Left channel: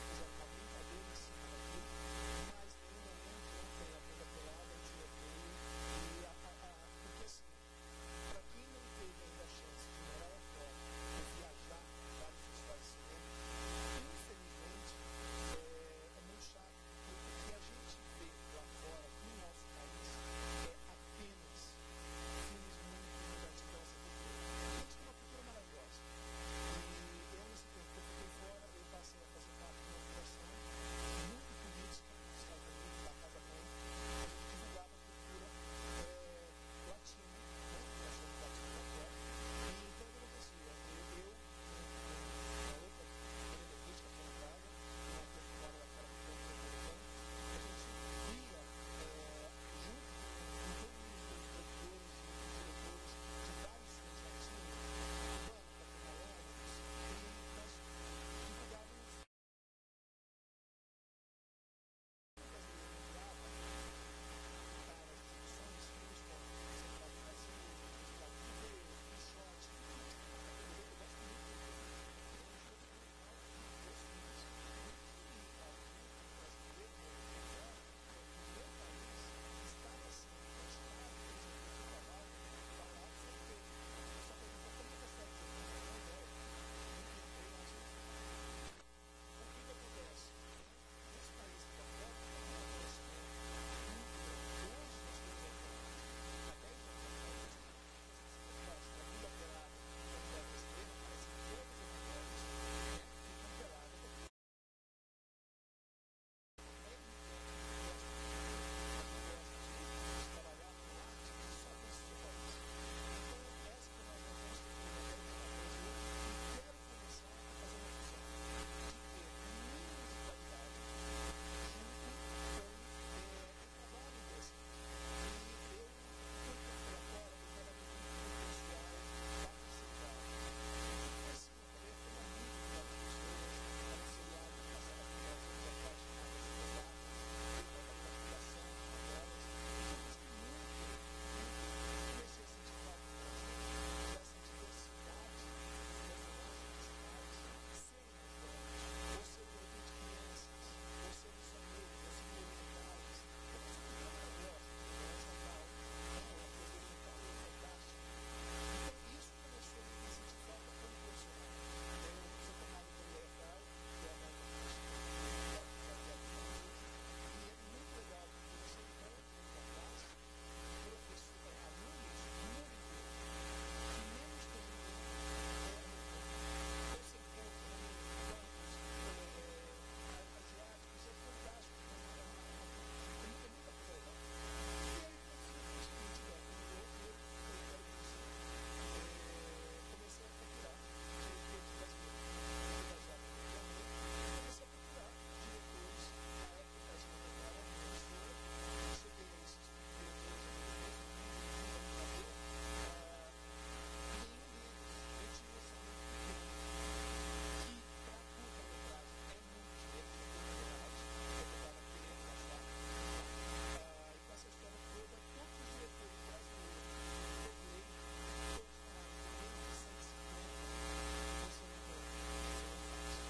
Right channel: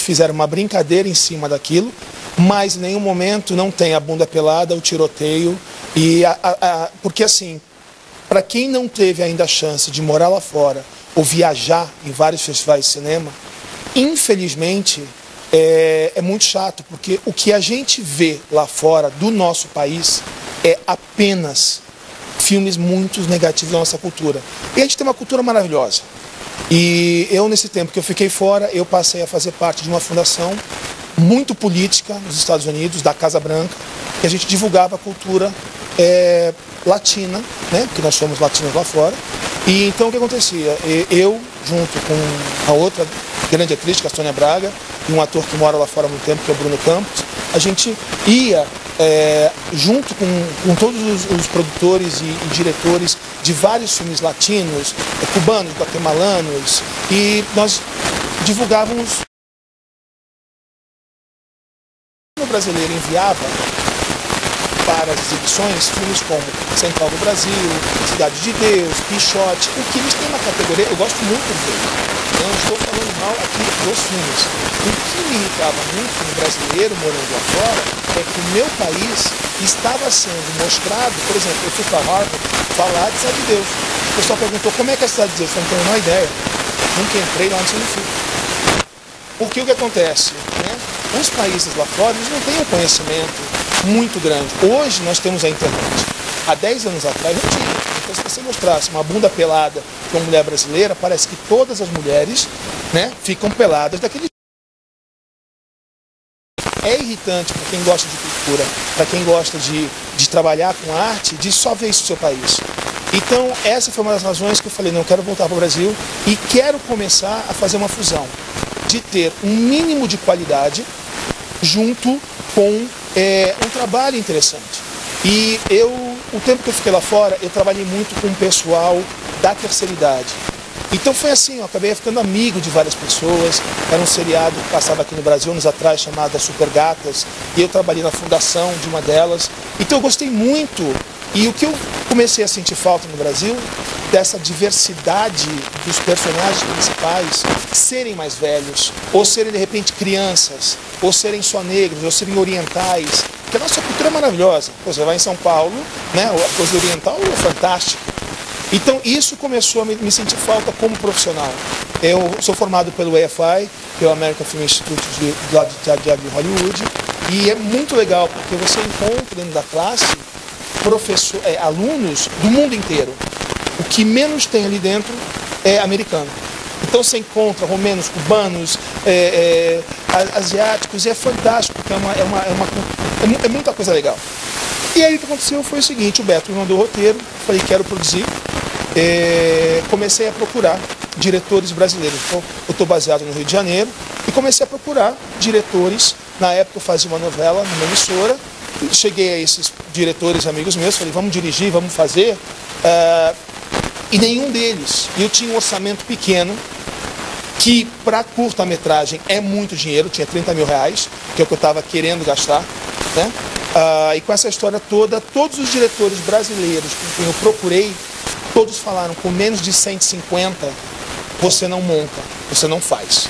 fizeram uma brincadeira em cima daquilo, mas em nenhum momento não tem a bunda pelada, o tiroteio. Porque assim, para quem não teve ainda a chance de morar lá fora ou viajar em vários festivais de cinema, infelizmente é muito chato, porque o que a gente vê lá fora do nosso país é apenas filmes muito negativos da nossa cultura. E a gente tem uma cultura maravilhosa. E eu, nesse tempo que eu fiquei fora, eu passei a fazer parte de uma fundação muito política nos Estados Unidos, da Casa Branca, que a gente divulgava a cultura latina, né? Porque nós somos latinos lá fora. E então o que acontecia? Eu, junto com a outra grande atriz, que é a Sônia Braga, e um ator que mora lá fora há muito tempo, que é o Bruno Campos, a gente ia junto com todos os produtores e diretores de vários filmes latinos, cubanos, guatemalanos, e nós divulgávamos. O brasileiro enviava para as exibições filmes como Central do Brasil, Cidade de Deus, Quixote, o que eles têm uma categoria, eu gosto muito dele. Eu não estou falando mal aqui dos filmes. O que me irritava muito no brasileiro morando lá fora é que o meu país estava sendo mostrado, por exemplo, eu fui para Harvard falar de Cidade de Deus. O pessoal perguntou como é que é a Cidade de Deus, eu não tenho a menor ideia. Nunca entrei lá, não sei onde fui. Porque o que acontece, né? Os países lá fora, eles não têm um conhecimento muito grande. Hoje nós temos a internet. Há 10 anos atrás não tinha. Então, se você mostrasse uma bunda pelada com uma mulher brasileira, parece que todas as mulheres, né, ficam peladas daquele jeito. É irritante para quem gosta de cultura, para quem gosta de trabalhar com arte, de só ver isso no seu país. Então, essa foi uma das razões que eu falei, não, eu quero voltar para o Brasil e quero começar a fazer uma fusão de ter um mínimo de qualidade junto com um trabalho interessante. E o tempo que eu fiquei lá fora, eu trabalhei muito com o pessoal da terceira idade. Então foi assim, eu acabei ficando amigo de várias pessoas. Era um seriado que passava aqui no Brasil anos atrás, chamado Super Gatas, e eu trabalhei na fundação de uma delas. Então eu gostei muito. E o que eu comecei a sentir falta no Brasil, dessa diversidade dos personagens principais serem mais velhos, ou serem de repente crianças, ou serem só negros, ou serem orientais, porque a nossa cultura é maravilhosa. Você vai em São Paulo, né, a coisa oriental é fantástica. Então isso começou a me sentir falta como profissional. Eu sou formado pelo AFI, que é o American Film Institute do lado de Teatro de Hollywood, e é muito legal porque você encontra dentro da classe alunos do mundo inteiro. O que menos tem ali dentro é americano. Então você encontra romenos, cubanos, asiáticos, e é fantástico, porque é muita coisa legal. E aí o que aconteceu foi o seguinte, o Beto me mandou o roteiro, falei, quero produzir, comecei a procurar diretores brasileiros. Então, eu estou baseado no Rio de Janeiro, e comecei a procurar diretores. Na época eu fazia uma novela numa emissora, cheguei a esses diretores amigos meus, falei, vamos dirigir, vamos fazer, e nenhum deles. Eu tinha um orçamento pequeno, que para curta-metragem é muito dinheiro, tinha 30 mil reais, que é o que eu estava querendo gastar, né? E com essa história toda, todos os diretores brasileiros com quem eu procurei, todos falaram, com menos de 150, você não monta, você não faz.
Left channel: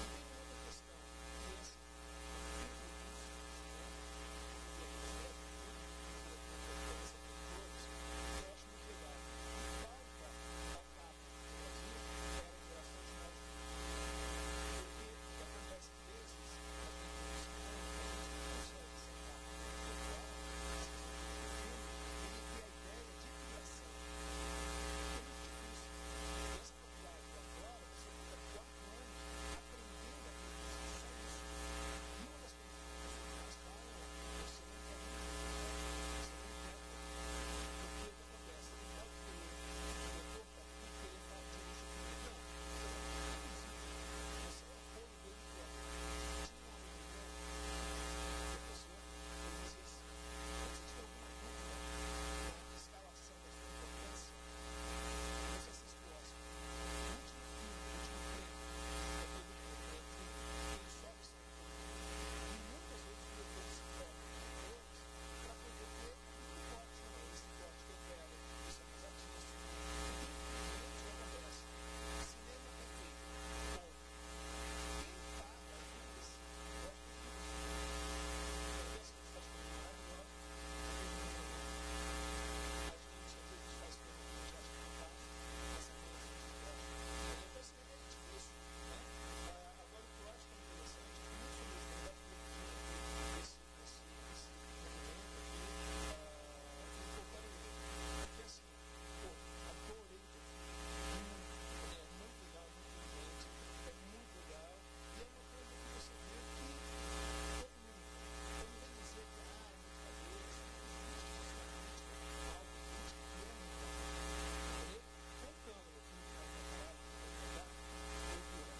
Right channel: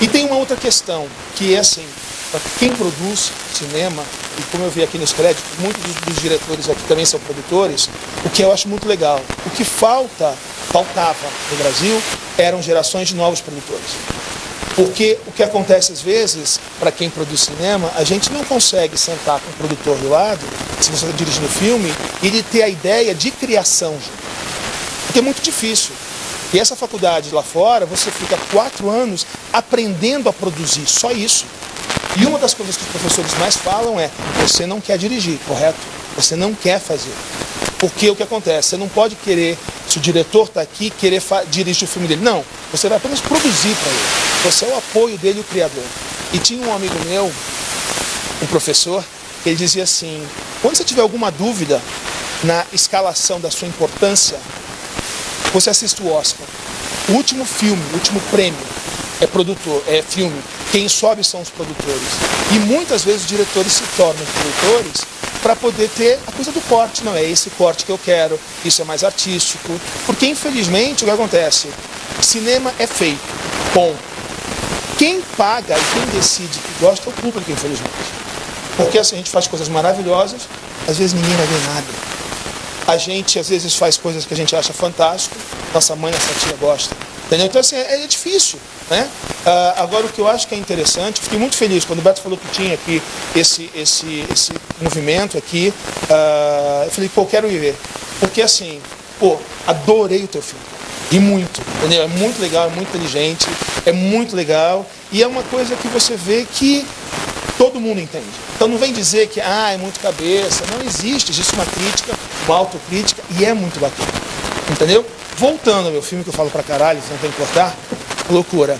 E tem uma outra questão, que é assim, para quem produz cinema, e como eu vi aqui nos créditos, muitos dos diretores aqui também são produtores, o que eu acho muito legal. O que faltava no Brasil eram gerações de novos produtores. Porque o que acontece às vezes, para quem produz cinema, a gente não consegue sentar com o produtor do lado, se você está dirigindo o filme, e ele ter a ideia de criação junto. Porque é muito difícil. E essa faculdade lá fora, você fica 4 anos aprendendo a produzir, só isso. E uma das coisas que os professores mais falam é, você não quer dirigir, correto? Você não quer fazer. Porque o que acontece? Você não pode querer, se o diretor está aqui, querer dirigir o filme dele. Não, você vai apenas produzir para ele. Você é o apoio dele e o criador. E tinha um amigo meu, um professor, que ele dizia assim, quando você tiver alguma dúvida na escalação da sua importância, você assiste o Oscar. O último filme, o último prêmio é filme. Quem sobe são os produtores. E muitas vezes os diretores se tornam produtores para poder ter a coisa do corte. Não é esse corte que eu quero, isso é mais artístico. Porque infelizmente o que acontece? Cinema é feito, bom. Quem paga e quem decide que gosta é o público, infelizmente. Porque assim, a gente faz coisas maravilhosas, às vezes ninguém vai ver nada. A gente, às vezes, faz coisas que a gente acha fantástico, nossa mãe, nossa tia gosta. Entendeu? Então, assim, é difícil, né? Agora, o que eu acho que é interessante, fiquei muito feliz quando o Beto falou que tinha aqui esse movimento aqui. Eu falei, pô, quero ir ver. Porque, assim, pô, adorei o teu filme. E muito, entendeu? É muito legal, é muito inteligente, é muito legal. E é uma coisa que você vê que todo mundo entende. Então não vem dizer que é muito cabeça. Não existe uma crítica, uma autocrítica, e é muito bacana. Entendeu? Voltando ao meu filme, que eu falo pra caralho, você não tem que cortar, loucura.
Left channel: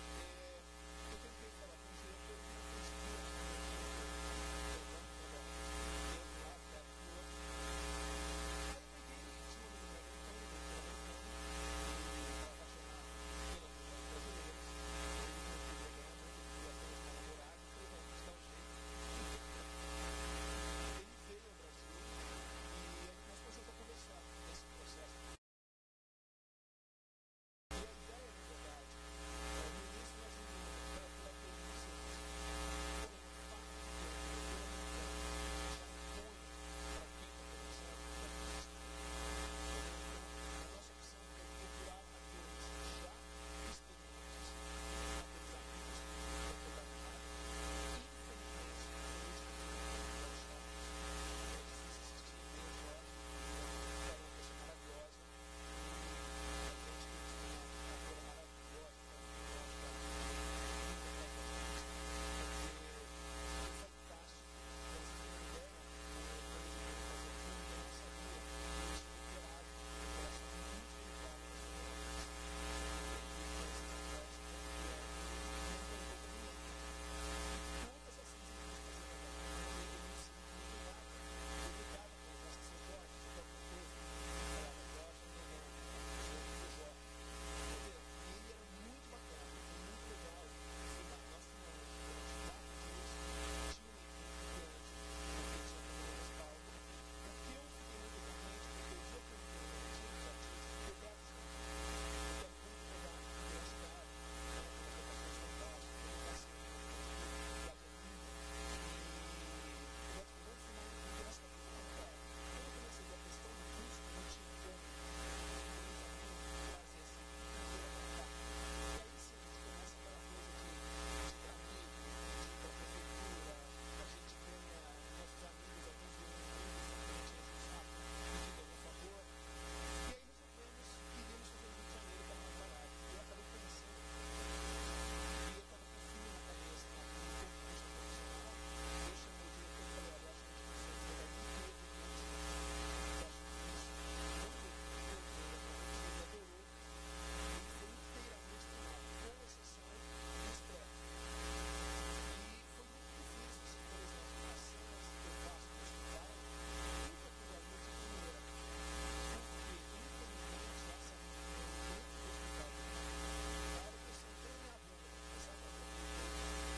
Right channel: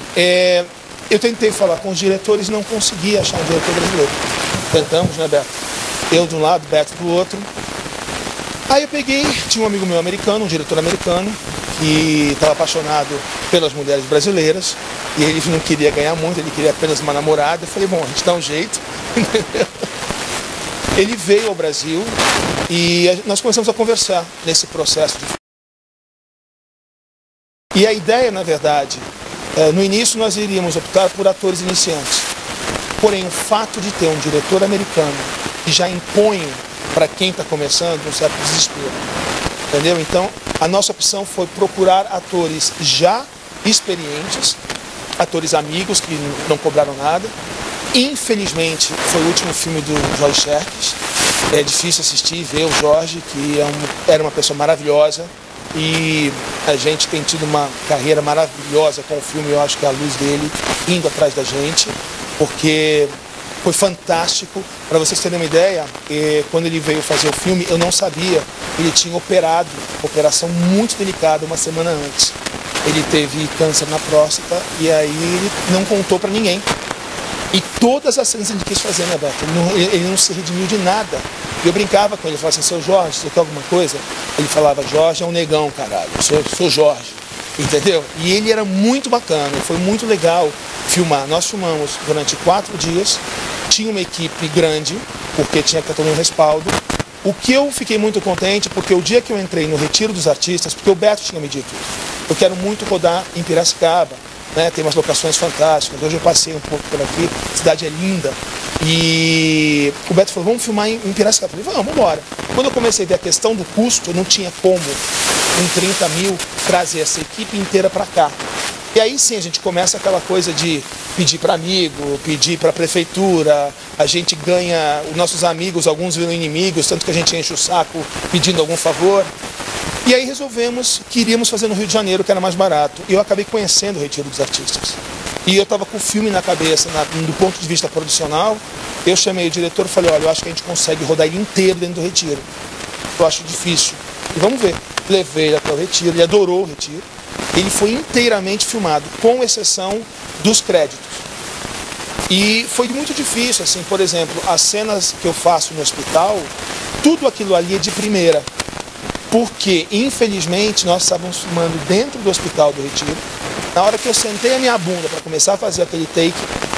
Eu tentei falar com os diretores e não consegui achar um diretor brasileiro. Tentamos, né, Beto? Eu de um lado, Beto do outro. Aí eu peguei, tinha um amigo meu americano, um diretor americano, que estava apaixonado pelas mulheres brasileiras, e ele não queria ganhar muito, ele queria apenas uma namorada. Eu falei, bom, a gente dá um jeito. Ele veio ao Brasil e nós começamos a conversar nesse processo de... E a ideia, na verdade, no início nós iríamos optar por atores iniciantes. Porém, o fato de ter um diretor americano que já impõe para quem está começando um certo desespero. Entendeu? Então, a nossa opção foi procurar atores já experientes, atores amigos que não cobraram nada. Infelizmente, foi o último filme do Jorge Xerxes. É difícil assistir e ver o Jorge, que era uma pessoa maravilhosa. E a gente tem tido uma carreira maravilhosa com o filme. Eu acho que é a luz dele indo atrás da gente, porque foi fantástico. Para vocês terem uma ideia, quando ele veio fazer o filme, eu não sabia. Ele tinha operado, operação muito delicada, uma semana antes. Ele teve câncer na próstata e aí ele não contou para ninguém. E todas as cenas ele quis fazer, né, Beto? Ele não se redimiu de nada. E eu brincava com ele, falava assim, seu Jorge, você quer alguma coisa? Ele falava, Jorge é um negão, caralho, eu sou Jorge, entendeu? E ele era muito bacana, foi muito legal filmar. Nós filmamos durante 4 dias, tinha uma equipe grande, porque tinha que ter todo um respaldo. O que eu fiquei muito contente, porque o dia que eu entrei no Retiro dos Artistas, porque o Beto tinha me dito, eu quero muito rodar em Piracicaba, né? Tem umas locações fantásticas, hoje eu passei um pouco por aqui, a cidade é linda. E o Beto falou, vamos filmar em Piracicaba. Eu falei, vamos embora. Quando eu comecei a ver a questão do custo, eu não tinha como, em 30 mil, trazer essa equipe inteira para cá. E aí sim, a gente começa aquela coisa de pedir para amigo, pedir para a prefeitura, a gente ganha, os nossos amigos, alguns viram inimigos, tanto que a gente enche o saco pedindo algum favor. E aí resolvemos que iríamos fazer no Rio de Janeiro, que era mais barato. E eu acabei conhecendo o Retiro dos Artistas. E eu estava com o filme na cabeça, do ponto de vista producional. Eu chamei o diretor e falei, olha, eu acho que a gente consegue rodar ele inteiro dentro do Retiro. Eu acho difícil. E vamos ver. Levei ele até o Retiro, ele adorou o Retiro. Ele foi inteiramente filmado, com exceção dos créditos. E foi muito difícil, assim, por exemplo, as cenas que eu faço no hospital, tudo aquilo ali é de primeira. Porque, infelizmente, nós estávamos filmando dentro do Hospital do Retiro. Na hora que eu sentei a minha bunda para começar a fazer aquele take,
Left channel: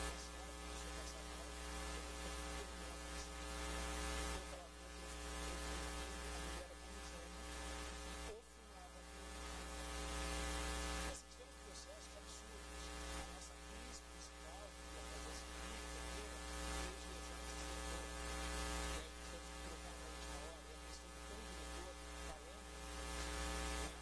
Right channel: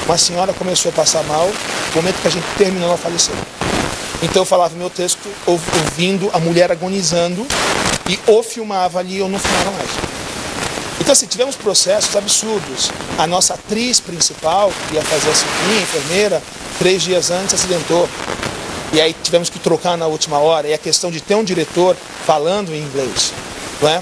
uma senhora começou a passar mal. No momento que a gente terminou, ela faleceu. Então eu falava meu texto ouvindo a mulher agonizando e ou filmava ali ou não filmava mais. Então, assim, tivemos processos absurdos. A nossa atriz principal, que ia fazer a sobrinha, a enfermeira, 3 dias antes acidentou. E aí tivemos que trocar na última hora. E a questão de ter um diretor falando em inglês, não é?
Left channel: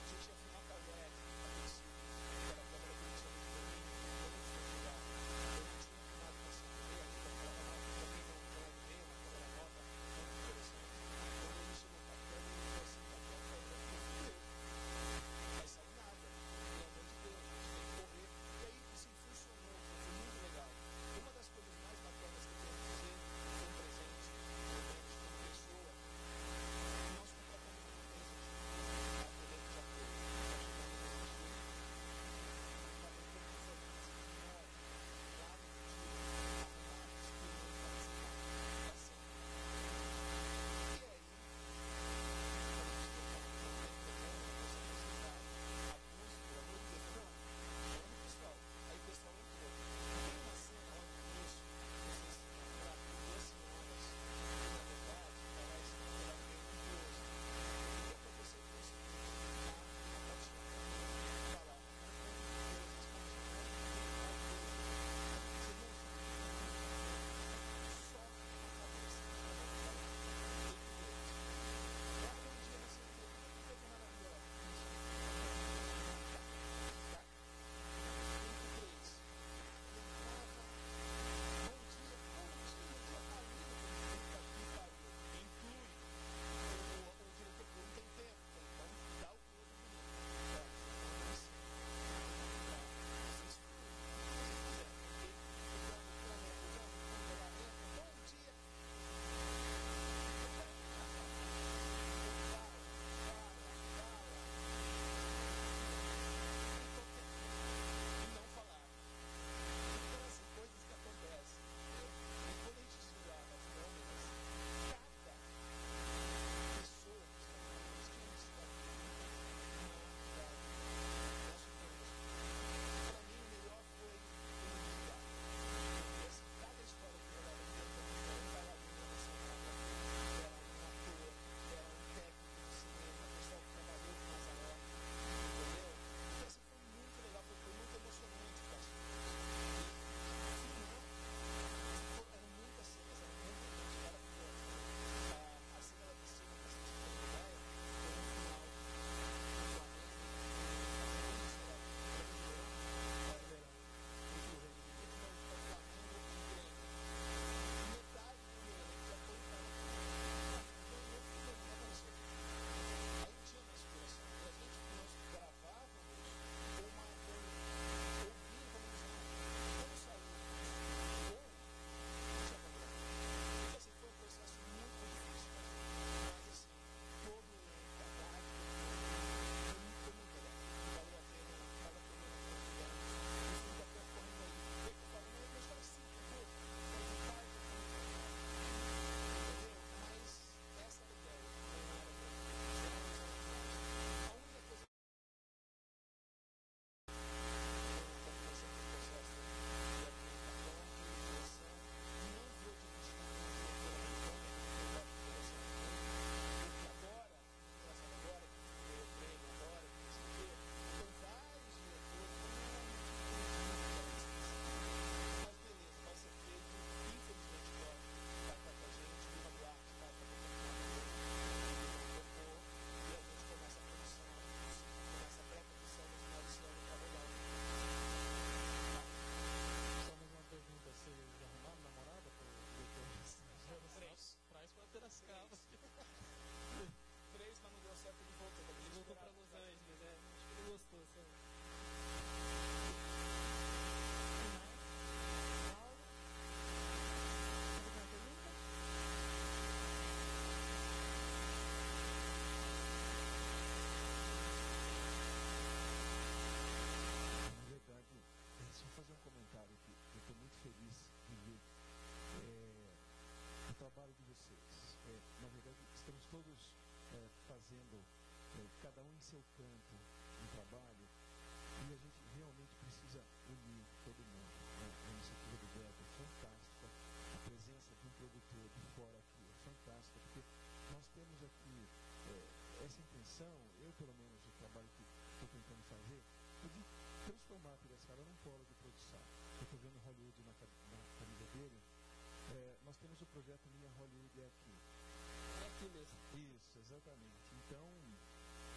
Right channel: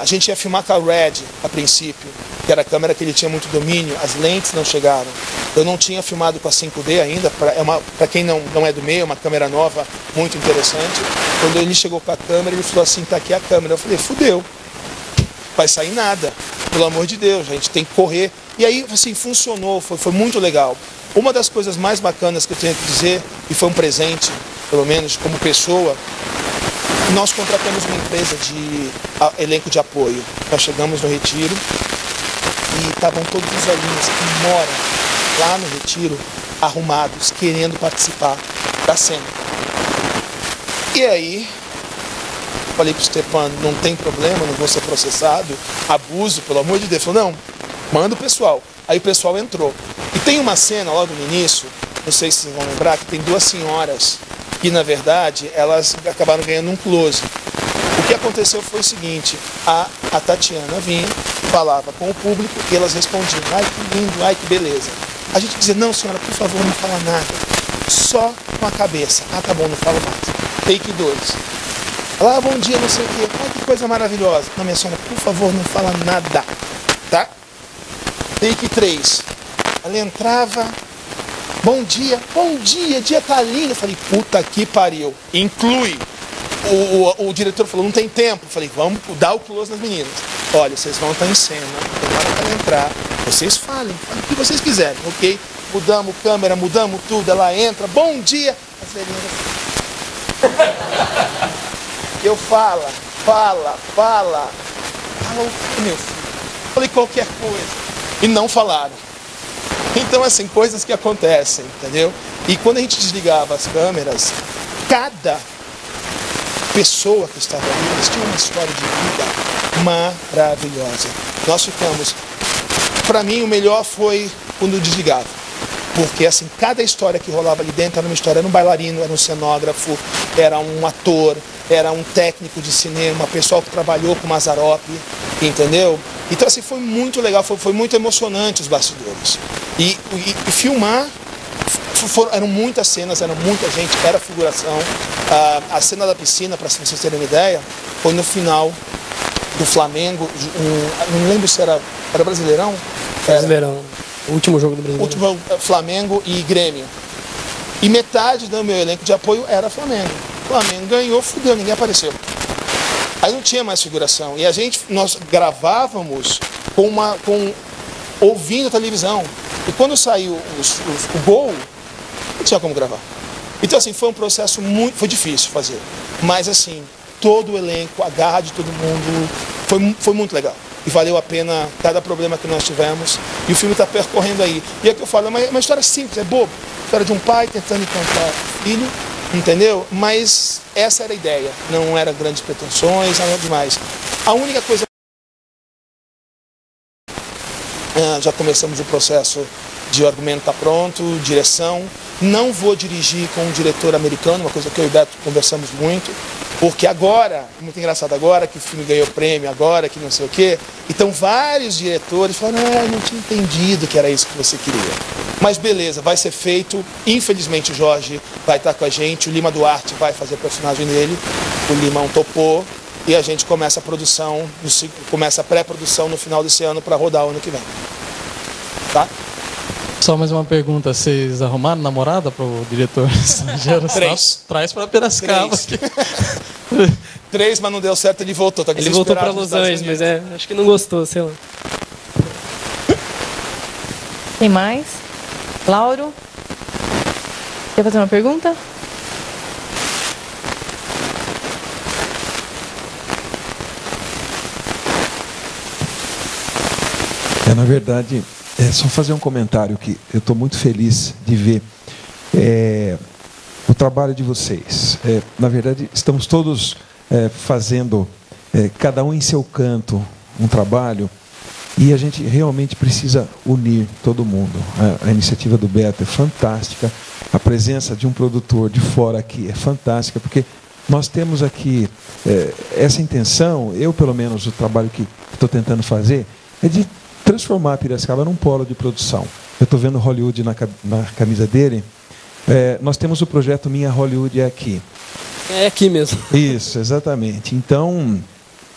A gente ia filmar com a Red, a princípio, que era a câmera que ele tinha muito domínio, as lentes não chegaram. Eu não tinha filmado com a 5D ainda, para quem não é do meio, é uma câmera nova, muito interessante. Quando ele chegou com a câmera, ele falou assim, tá aqui a câmera. Eu falei, fudeu, vai sair nada, pelo amor de Deus, a gente tem que correr. E aí, assim, funcionou, foi muito legal. Uma das coisas mais bacanas que eu tenho que dizer, e foi um presente, pelo menos como pessoa, nós contratamos uma empresa de elenco de apoio. Nós chegamos no Retiro e estavam todos os velhinhos que moram lá no Retiro, arrumados, querendo participar da cena. E aí, falei pro Stepan, não tem problema, não vou ser processado, abuso, pelo amor de Deus. Ele falou, não, manda o pessoal. Aí o pessoal entrou. E tem uma cena logo no início, não sei se vocês vão lembrar, que tem 2 senhoras que, na verdade, elas acabaram ganhando um close. O que aconteceu foi o seguinte, a Tatiana vinha falava com o público e elas respondiam, ai que lindo, ai que beleza. A gente dizia, não senhora, por favor, não fala nada, só com a cabeça. Ah, tá bom, não falo mais. Take 2. Ela, bom dia, não sei o quê, ai que coisa maravilhosa. Não, minha senhora, por favor, não fala nada, tá? Take 3. Ela entrava, bom dia, dia tá lindo. Eu falei, puta que pariu, inclui. O diretor falou, não tem tempo. Eu falei, vamos dar o close nas meninas. Olha, vocês vão estar em cena, demora para entrar, vocês falem o que vocês quiserem, ok? Mudamos câmera, mudamos tudo, ela entra, bom dia. As velhinhas... Eu fala o que, meu filho? Falei qualquer coisa. E não falaram. Então, assim, coisas que acontecem, entendeu? E quando a gente desligava as câmeras, cada pessoa que estava ali, eles tinham uma história de vida maravilhosa. Nós ficamos... Para mim, o melhor foi quando desligava. Porque, assim, cada história que rolava ali dentro era uma história. Era um bailarino, era um cenógrafo, era um ator, era um técnico de cinema, pessoal que trabalhou com Mazzaropi, entendeu? Então, assim, foi muito legal, foi muito emocionante os bastidores. E filmar, eram muitas cenas, era muita gente, era figuração. A cena da piscina, para vocês terem uma ideia, foi no final do Flamengo, não lembro se era Brasileirão? Brasileirão, o último jogo do Brasileirão. Último Flamengo e Grêmio. E metade do meu elenco de apoio era Flamengo. O Flamengo ganhou, fudeu, ninguém apareceu. Aí não tinha mais figuração. E nós gravávamos ouvindo a televisão. E quando saiu o gol, não tinha como gravar. Então, assim, foi um processo foi difícil fazer. Mas, assim, todo o elenco, a garra de todo mundo, foi muito legal. E valeu a pena cada problema que nós tivemos. E o filme está percorrendo aí. E é o que eu falo, é uma história simples, é bobo. História de um pai tentando encontrar o filho, entendeu? Mas essa era a ideia. Não era grandes pretensões, nada demais. A única coisa... Já começamos o processo de argumento está pronto, direção. Não vou dirigir com um diretor americano, uma coisa que eu e o Beto conversamos muito, porque agora, muito engraçado agora, que o filme ganhou prêmio, agora que não sei o quê, então vários diretores falaram, não tinha entendido que era isso que você queria. Mas beleza, vai ser feito. Infelizmente o Jorge vai estar com a gente, o Lima Duarte vai fazer o personagem dele, o Limão topou, e a gente começa a produção, começa a pré-produção no final desse ano para rodar o ano que vem. Tá? Só mais uma pergunta, vocês arrumaram namorada para o diretor? 3. Traz para Piracicaba. 3, mas não deu certo, ele voltou. Tá ele voltou para Los Angeles, mas acho que não gostou, sei lá. Tem mais? Lauro? Quer fazer uma pergunta? Na verdade, é só fazer um comentário que eu estou muito feliz de ver o trabalho de vocês. Na verdade, estamos todos fazendo, cada um em seu canto, um trabalho, e a gente realmente precisa unir todo mundo. A iniciativa do Beto é fantástica, a presença de um produtor de fora aqui é fantástica, porque nós temos aqui essa intenção, eu pelo menos, o trabalho que estou tentando fazer, é de transformar a Piracicaba num polo de produção. Eu estou vendo Hollywood na camisa dele. Nós temos o projeto Minha Hollywood é Aqui. É aqui mesmo. Isso, exatamente. Então,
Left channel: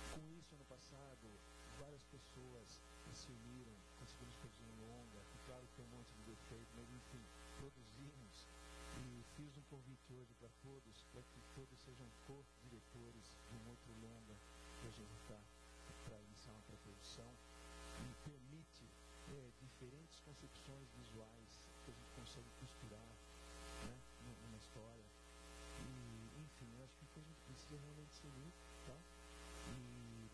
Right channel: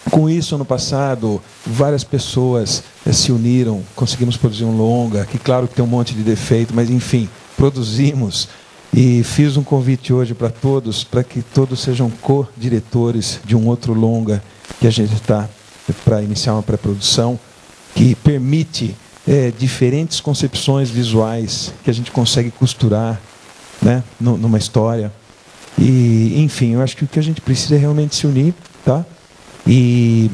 com isso, ano passado, várias pessoas se uniram, conseguimos produzir um longa, que claro que tem um monte de defeito, mas enfim, produzimos. E fiz um convite hoje para todos, para que todos sejam co-diretores de um outro longa que a gente está para iniciar uma pré-produção, que permite diferentes concepções visuais que a gente consegue costurar, né, numa história. E, enfim, eu acho que o que a gente precisa é realmente se unir, tá? E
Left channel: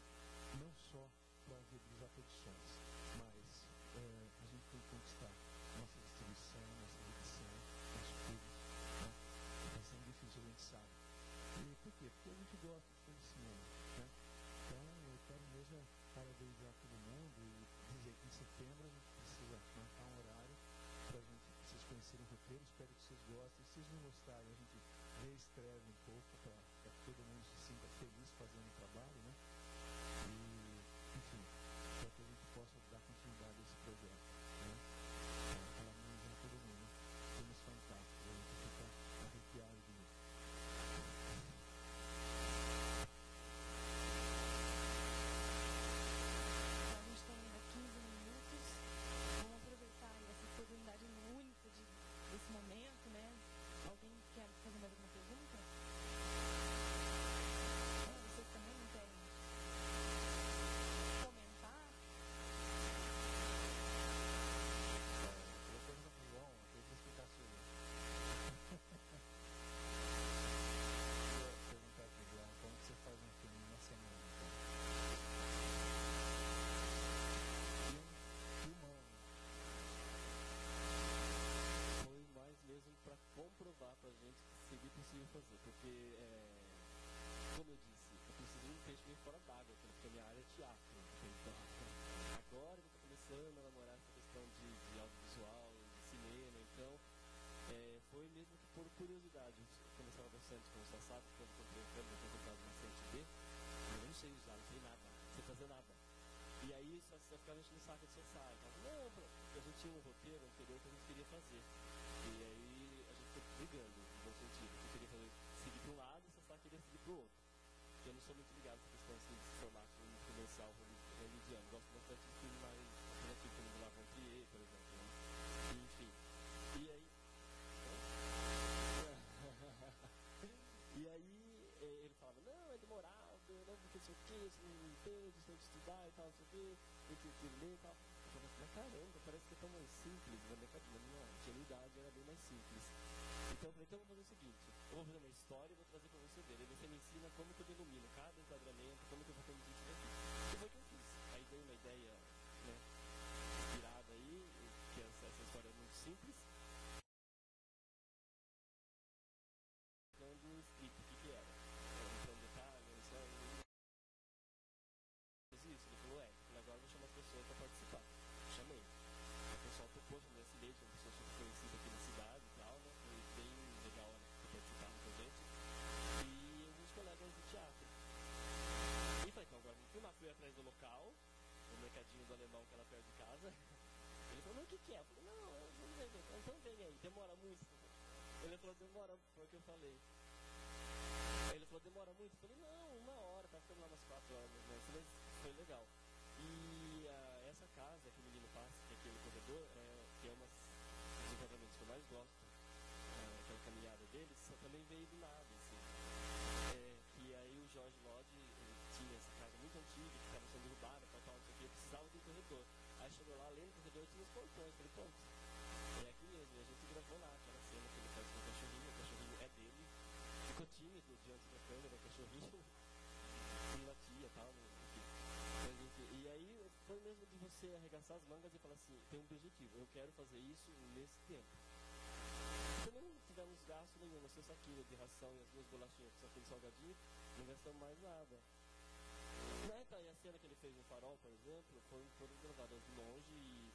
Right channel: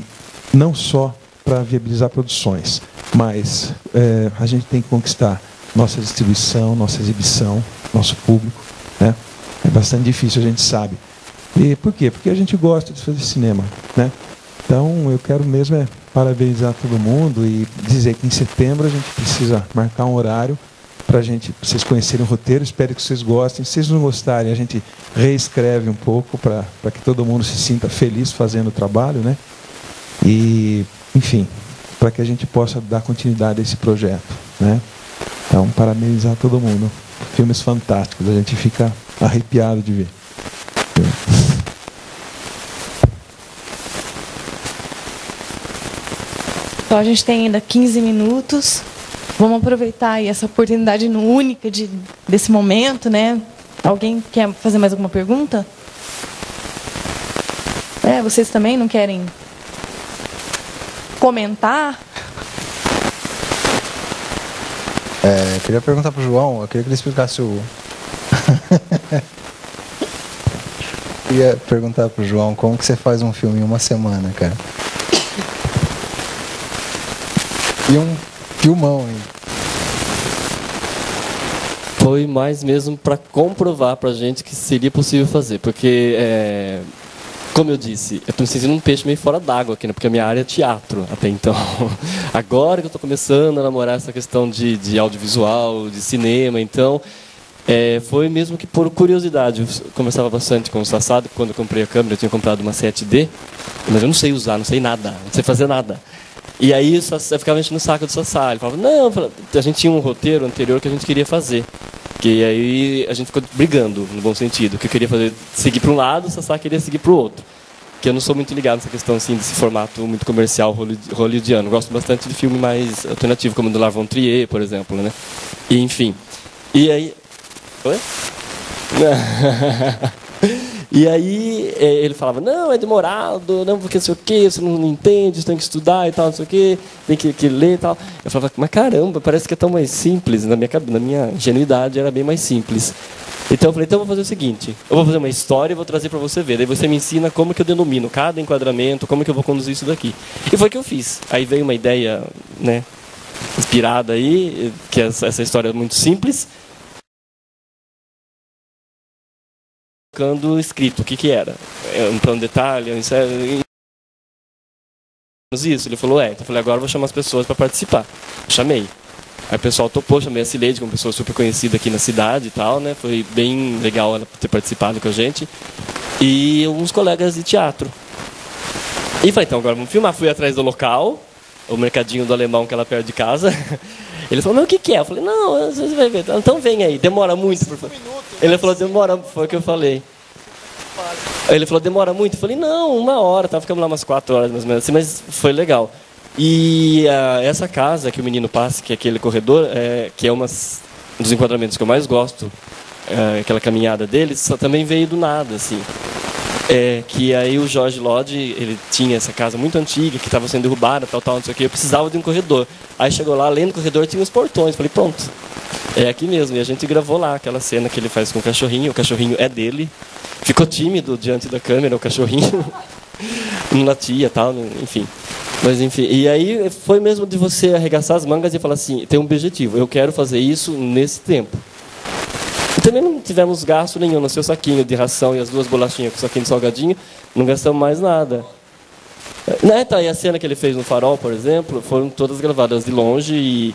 não só para viabilizar produções, mas a gente tem que conquistar nossa distribuição, nossa exibição, nosso público, né? É bastante difícil, a gente sabe. E por quê? Porque a gente gosta de fazer cinema, né? Então, eu quero mesmo parabenizar todo mundo e dizer que em setembro a gente precisa marcar um horário para vocês conhecerem o roteiro. Espero que vocês gostem. Se vocês não gostarem, a gente reescreve um pouco para que todo mundo se sinta feliz fazendo o trabalho, né? E, enfim, para que a gente possa dar continuidade a esse projeto, né? Então, parabenizar todo mundo. Filmes fantásticos, a gente fica arrepiado de ver. Então a gente tem ainda 15 minutos. Vamos aproveitar aí essa oportunidade única desse momento, né? Alguém quer fazer mais alguma pergunta? Vocês também não querem comentar? Eu queria perguntar pro João, eu queria que ele explicasse o... queria perguntar pro João como que você faz um filme em uma semana, cara. E um filmão, hein? Foi mais mesmo para comprovar para a gente que seria possível fazer, porque, como eu disse, eu estou me sentindo um peixe meio fora d'água aqui, né? Porque a minha área é teatro até então. Agora que eu estou começando a namorar essa questão de audiovisual, de cinema, então foi mesmo que por curiosidade. Eu conversava bastante com o Sassado, quando eu comprei a câmera, eu tinha comprado uma 7D, mas eu não sei usar, não sei nada, não sei fazer nada. E aí eu ficava enchendo no saco do Sassá. Ele falava, não, a gente tinha um roteiro anterior que a gente queria fazer. Que aí a gente ficou brigando, no bom sentido. Que eu queria seguir para um lado, o Sassá queria seguir para o outro. Que eu não sou muito ligado nessa questão assim, desse formato muito comercial hollywoodiano. Eu gosto bastante de filme mais alternativo, como o do Lars von Trier, por exemplo, né? E, enfim. E aí... Oi? E aí ele falava, não, é demorado, não, porque não sei o quê, você não entende, você tem que estudar e tal, não sei o quê, tem que ler e tal. Eu falava, mas caramba, parece que é tão mais simples. Na minha ingenuidade era bem mais simples. Então eu falei, então eu vou fazer o seguinte, eu vou fazer uma história e vou trazer para você ver. Daí você me ensina como que eu denomino cada enquadramento, como que eu vou conduzir isso daqui. E foi o que eu fiz. Aí veio uma ideia, né, inspirada aí, que essa história é muito simples. Escrito, o que era? Um plano de detalhe, isso? Ele falou, Então eu falei, agora eu vou chamar as pessoas para participar. Eu chamei. Aí o pessoal topou, chamei a Cileide, que é uma pessoa super conhecida aqui na cidade e tal, né? Foi bem legal ela ter participado com a gente. E alguns colegas de teatro. E falei, então agora vamos filmar. Fui atrás do local, o mercadinho do Alemão, que é lá perto de casa. Ele falou, mas o que é? Eu falei, não, você vai ver. Então vem aí, demora muito. Ele falou, demora, foi o que eu falei. Ele falou, demora muito? Eu falei, não, 1 hora, ficamos lá umas 4 horas mais ou menos assim, mas foi legal. E essa casa que o menino passa, que é aquele corredor, que é um dos enquadramentos que eu mais gosto, aquela caminhada dele, só também veio do nada, assim. Que aí o Jorge Lodge, ele tinha essa casa muito antiga, que estava sendo derrubada, tal, não sei o que, eu precisava de um corredor. Aí chegou lá, além do corredor, tinha os portões, falei, pronto, é aqui mesmo. E a gente gravou lá aquela cena que ele faz com o cachorrinho é dele, ficou tímido diante da câmera, o cachorrinho, não latia, tal, enfim. Mas enfim, e aí foi mesmo de você arregaçar as mangas e falar assim, tem um objetivo, eu quero fazer isso nesse tempo. E também não tivemos gasto nenhum no seu saquinho de ração e as 2 bolachinhas com o saquinho de salgadinho, não gastamos mais nada. E a cena que ele fez no Farol, por exemplo, foram todas gravadas de longe e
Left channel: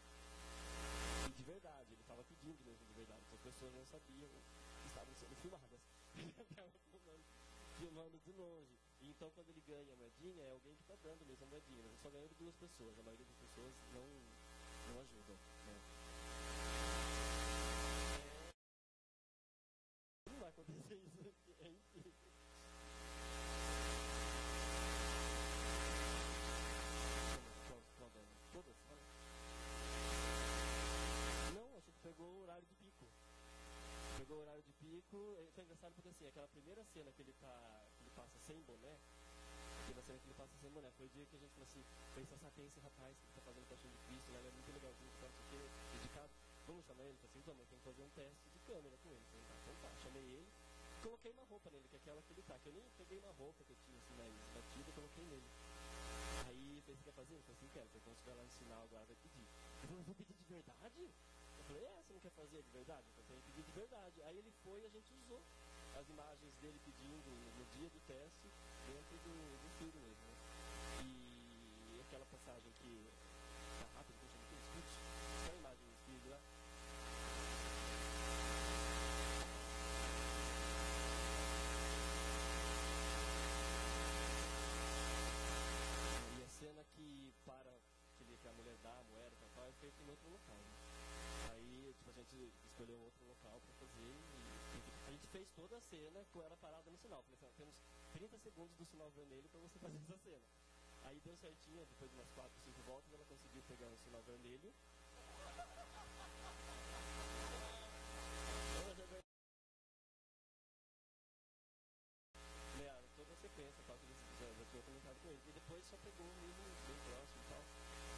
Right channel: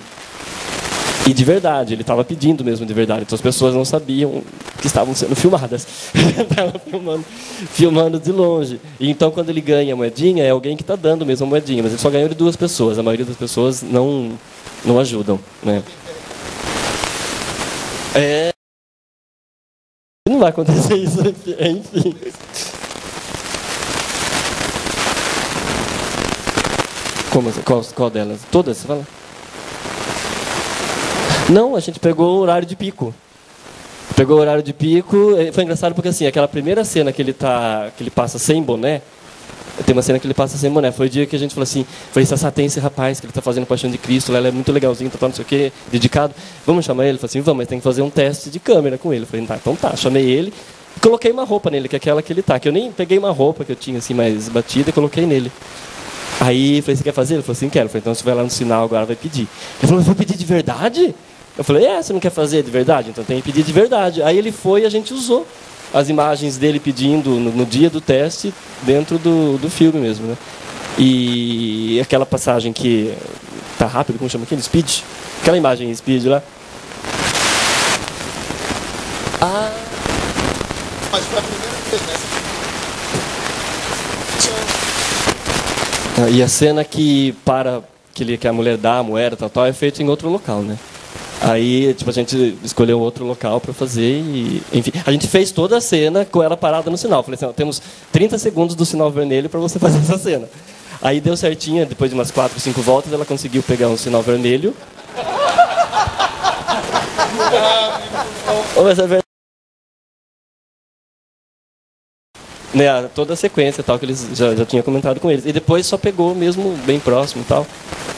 de verdade, ele estava pedindo mesmo de verdade, então as pessoas não sabiam que estavam sendo filmadas. Estavam filmando de longe. E então quando ele ganha a moedinha, é alguém que está dando mesmo a moedinha, mas ele só ganhou de 2 pessoas, a maioria das pessoas não ajudam, né? Não vai acontecer isso aqui, enfim. Qual delas? Todas, você fala? Não, a gente pegou o horário de pico. Foi engraçado porque assim, aquela primeira cena que ele passa sem boné, tem uma cena que ele passa sem boné, foi o dia que a gente falou assim, Sassá, tem esse rapaz que ele está fazendo Paixão de Cristo, ele é muito legalzinho, não sei o quê, dedicado, vamos chamar ele? Ele falou assim, vamos, mas tem que fazer um teste de câmera com ele. Eu falei, então tá, chamei ele, e coloquei uma roupa nele, que é aquela que ele tá, que eu nem peguei uma roupa que eu tinha assim mais batida e coloquei nele. Aí eu falei, você quer fazer? Ele falou assim, quero. Eu falei, então você vai lá no sinal agora, vai pedir. Ele falou, eu vou pedir de verdade? Eu falei, você não quer fazer de verdade? Então tem que pedir de verdade. Aí ele foi e a gente usou as imagens dele pedindo no dia do teste dentro do filme mesmo, né? E aquela passagem que tá rápido, como chama aquele? Speed? Aquela imagem em speed lá. Mas foi a primeira vez, né? E a cena que para que a mulher dá a moeda, tal, é feito em outro local, né? Aí, tipo, a gente escolheu outro local para fazer e, enfim, a gente fez toda a cena com ela parada no sinal. Falei assim, ó, temos 30 segundos do sinal vermelho para você fazer essa cena. Aí deu certinho, depois de umas 4, 5 voltas, ela conseguiu pegar um sinal vermelho. Mas é verdade. Né, toda a sequência tal, que eles já tinham comentado com eles. E depois só pegou mesmo bem próximo e tal.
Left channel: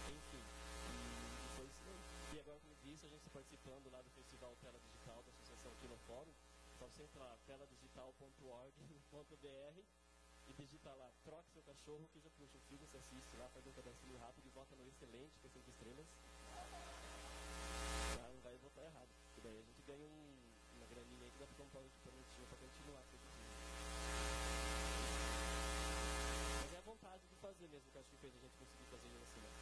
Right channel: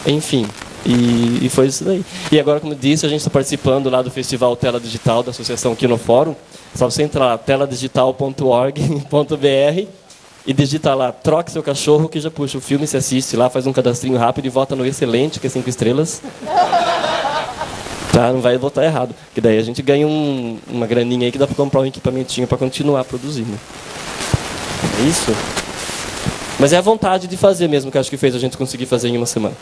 Enfim. E foi isso daí. E agora, como eu disse, a gente está participando lá do Festival Tela Digital da Associação Quinofórum. Só você entrar lá, teladigital.org.br e digitar lá, troque seu cachorro, que já puxa o filme, se assiste lá, faz um cadastrinho rápido e vota no excelente, que é 5 estrelas. Tá, não vai votar errado. Que daí a gente ganha uma graninha aí que dá para comprar um equipamentinho para continuar produzindo. É isso? Mas é a vontade de fazer mesmo que acho que fez a gente conseguir fazer em uma semana.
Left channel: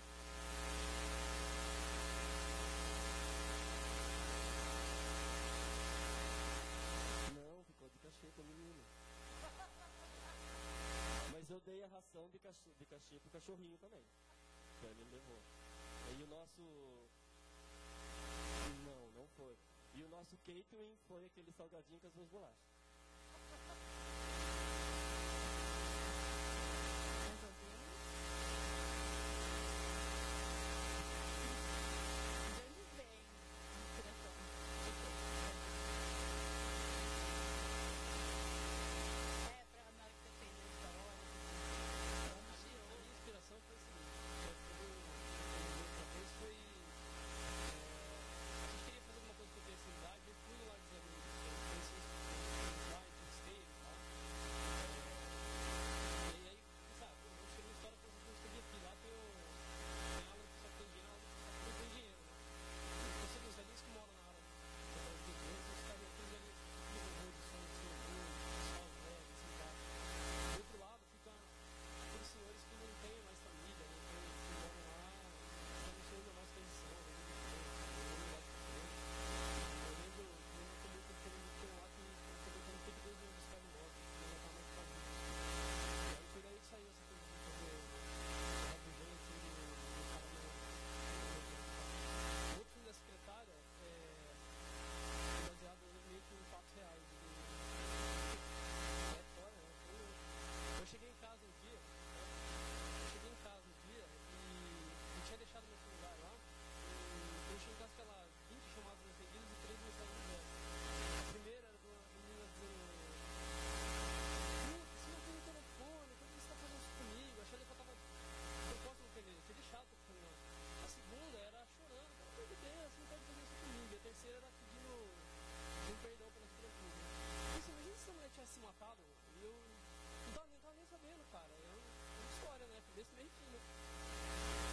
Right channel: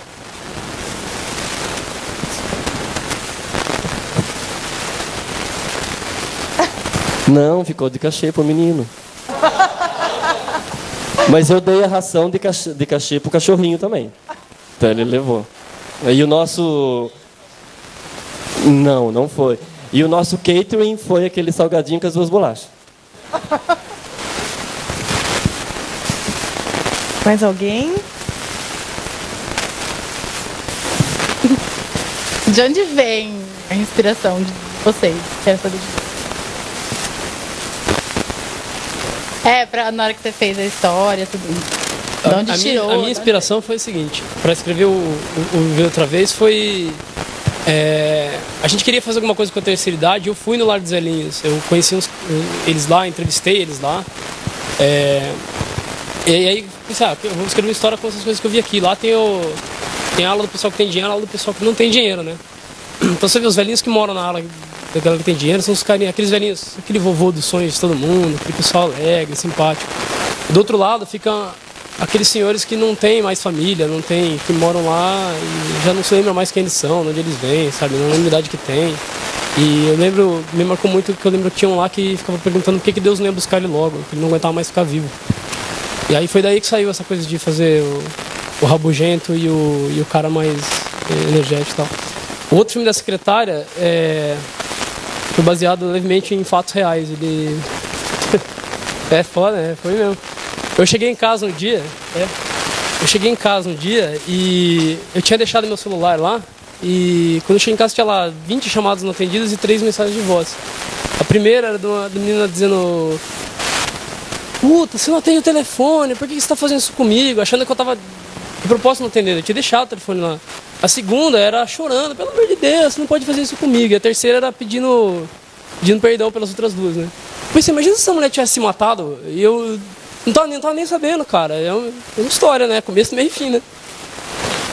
Não, ficou de cachê pro menino. Mas eu dei a ração de cachê pro cachorrinho também. Então ele levou. E o nosso... Não foi. E o nosso catering foi aquele salgadinho com as 2 bolachas. Mais alguém? De onde vem a inspiração de vocês? Quero saber de vocês. Na hora que você fez a história, tudo isso. De onde tirou? A minha inspiração foi o seguinte, para escrever o Viver Outra Vez foi... a gente queria fazer alguma coisa com a terceira idade, eu fui no Lar dos Velhinhos, eu conheci eles lá, entrevistei eles lá. E aí, pensei, eu vou escrever uma história com essas coisas que eu vi aqui. Lá tem a ala do pessoal que tem dinheiro, a ala do pessoal que não tem dinheiro, né? Então você vê os velhinhos que moram na ala da galera que tem dinheiro, são os carinhos, aqueles velhinhos, aquele vovô dos sonhos de todo mundo, aquele pessoal alegre, simpático. Do outro lado fica aqueles senhores que não têm mais família, que moram lá e já não se lembram mais quem eles são, de onde eles vêm, sabe? Não lembro a idade que tem. E eu lembro, me marcou muito que eu lembro que tinha um lá que ficava perguntando por que Deus não ia buscar ele logo, que ele não aguentava mais ficar vivo. E aí foi daí que saiu essa coisa de fazer o rabugento e o cara mais energético e tal. O outro filme da secretária foi baseado levemente em fatos reais. Ele... é foda, né? Foi mesmo. Eu cheguei em casa um dia e eu tinha deixado meu celular lá. E quando eu cheguei em casa tinha lá 20 chamadas não atendidas e 3 mensagens de voz. A primeira era de uma menina dizendo... Puta, você não atende o telefone, por que você tá fazendo isso comigo? Achando que eu tava de propósito não atendendo, eu tinha deixado o telefone lá. A segunda era chorando, pelo amor de Deus, você não pode fazer isso comigo. E a terceira era pedindo perdão pelas outras 2, né? Pois você imagina se essa mulher tivesse se matado e eu não tava nem sabendo, cara. É uma história, né? Começo, meio e fim, né?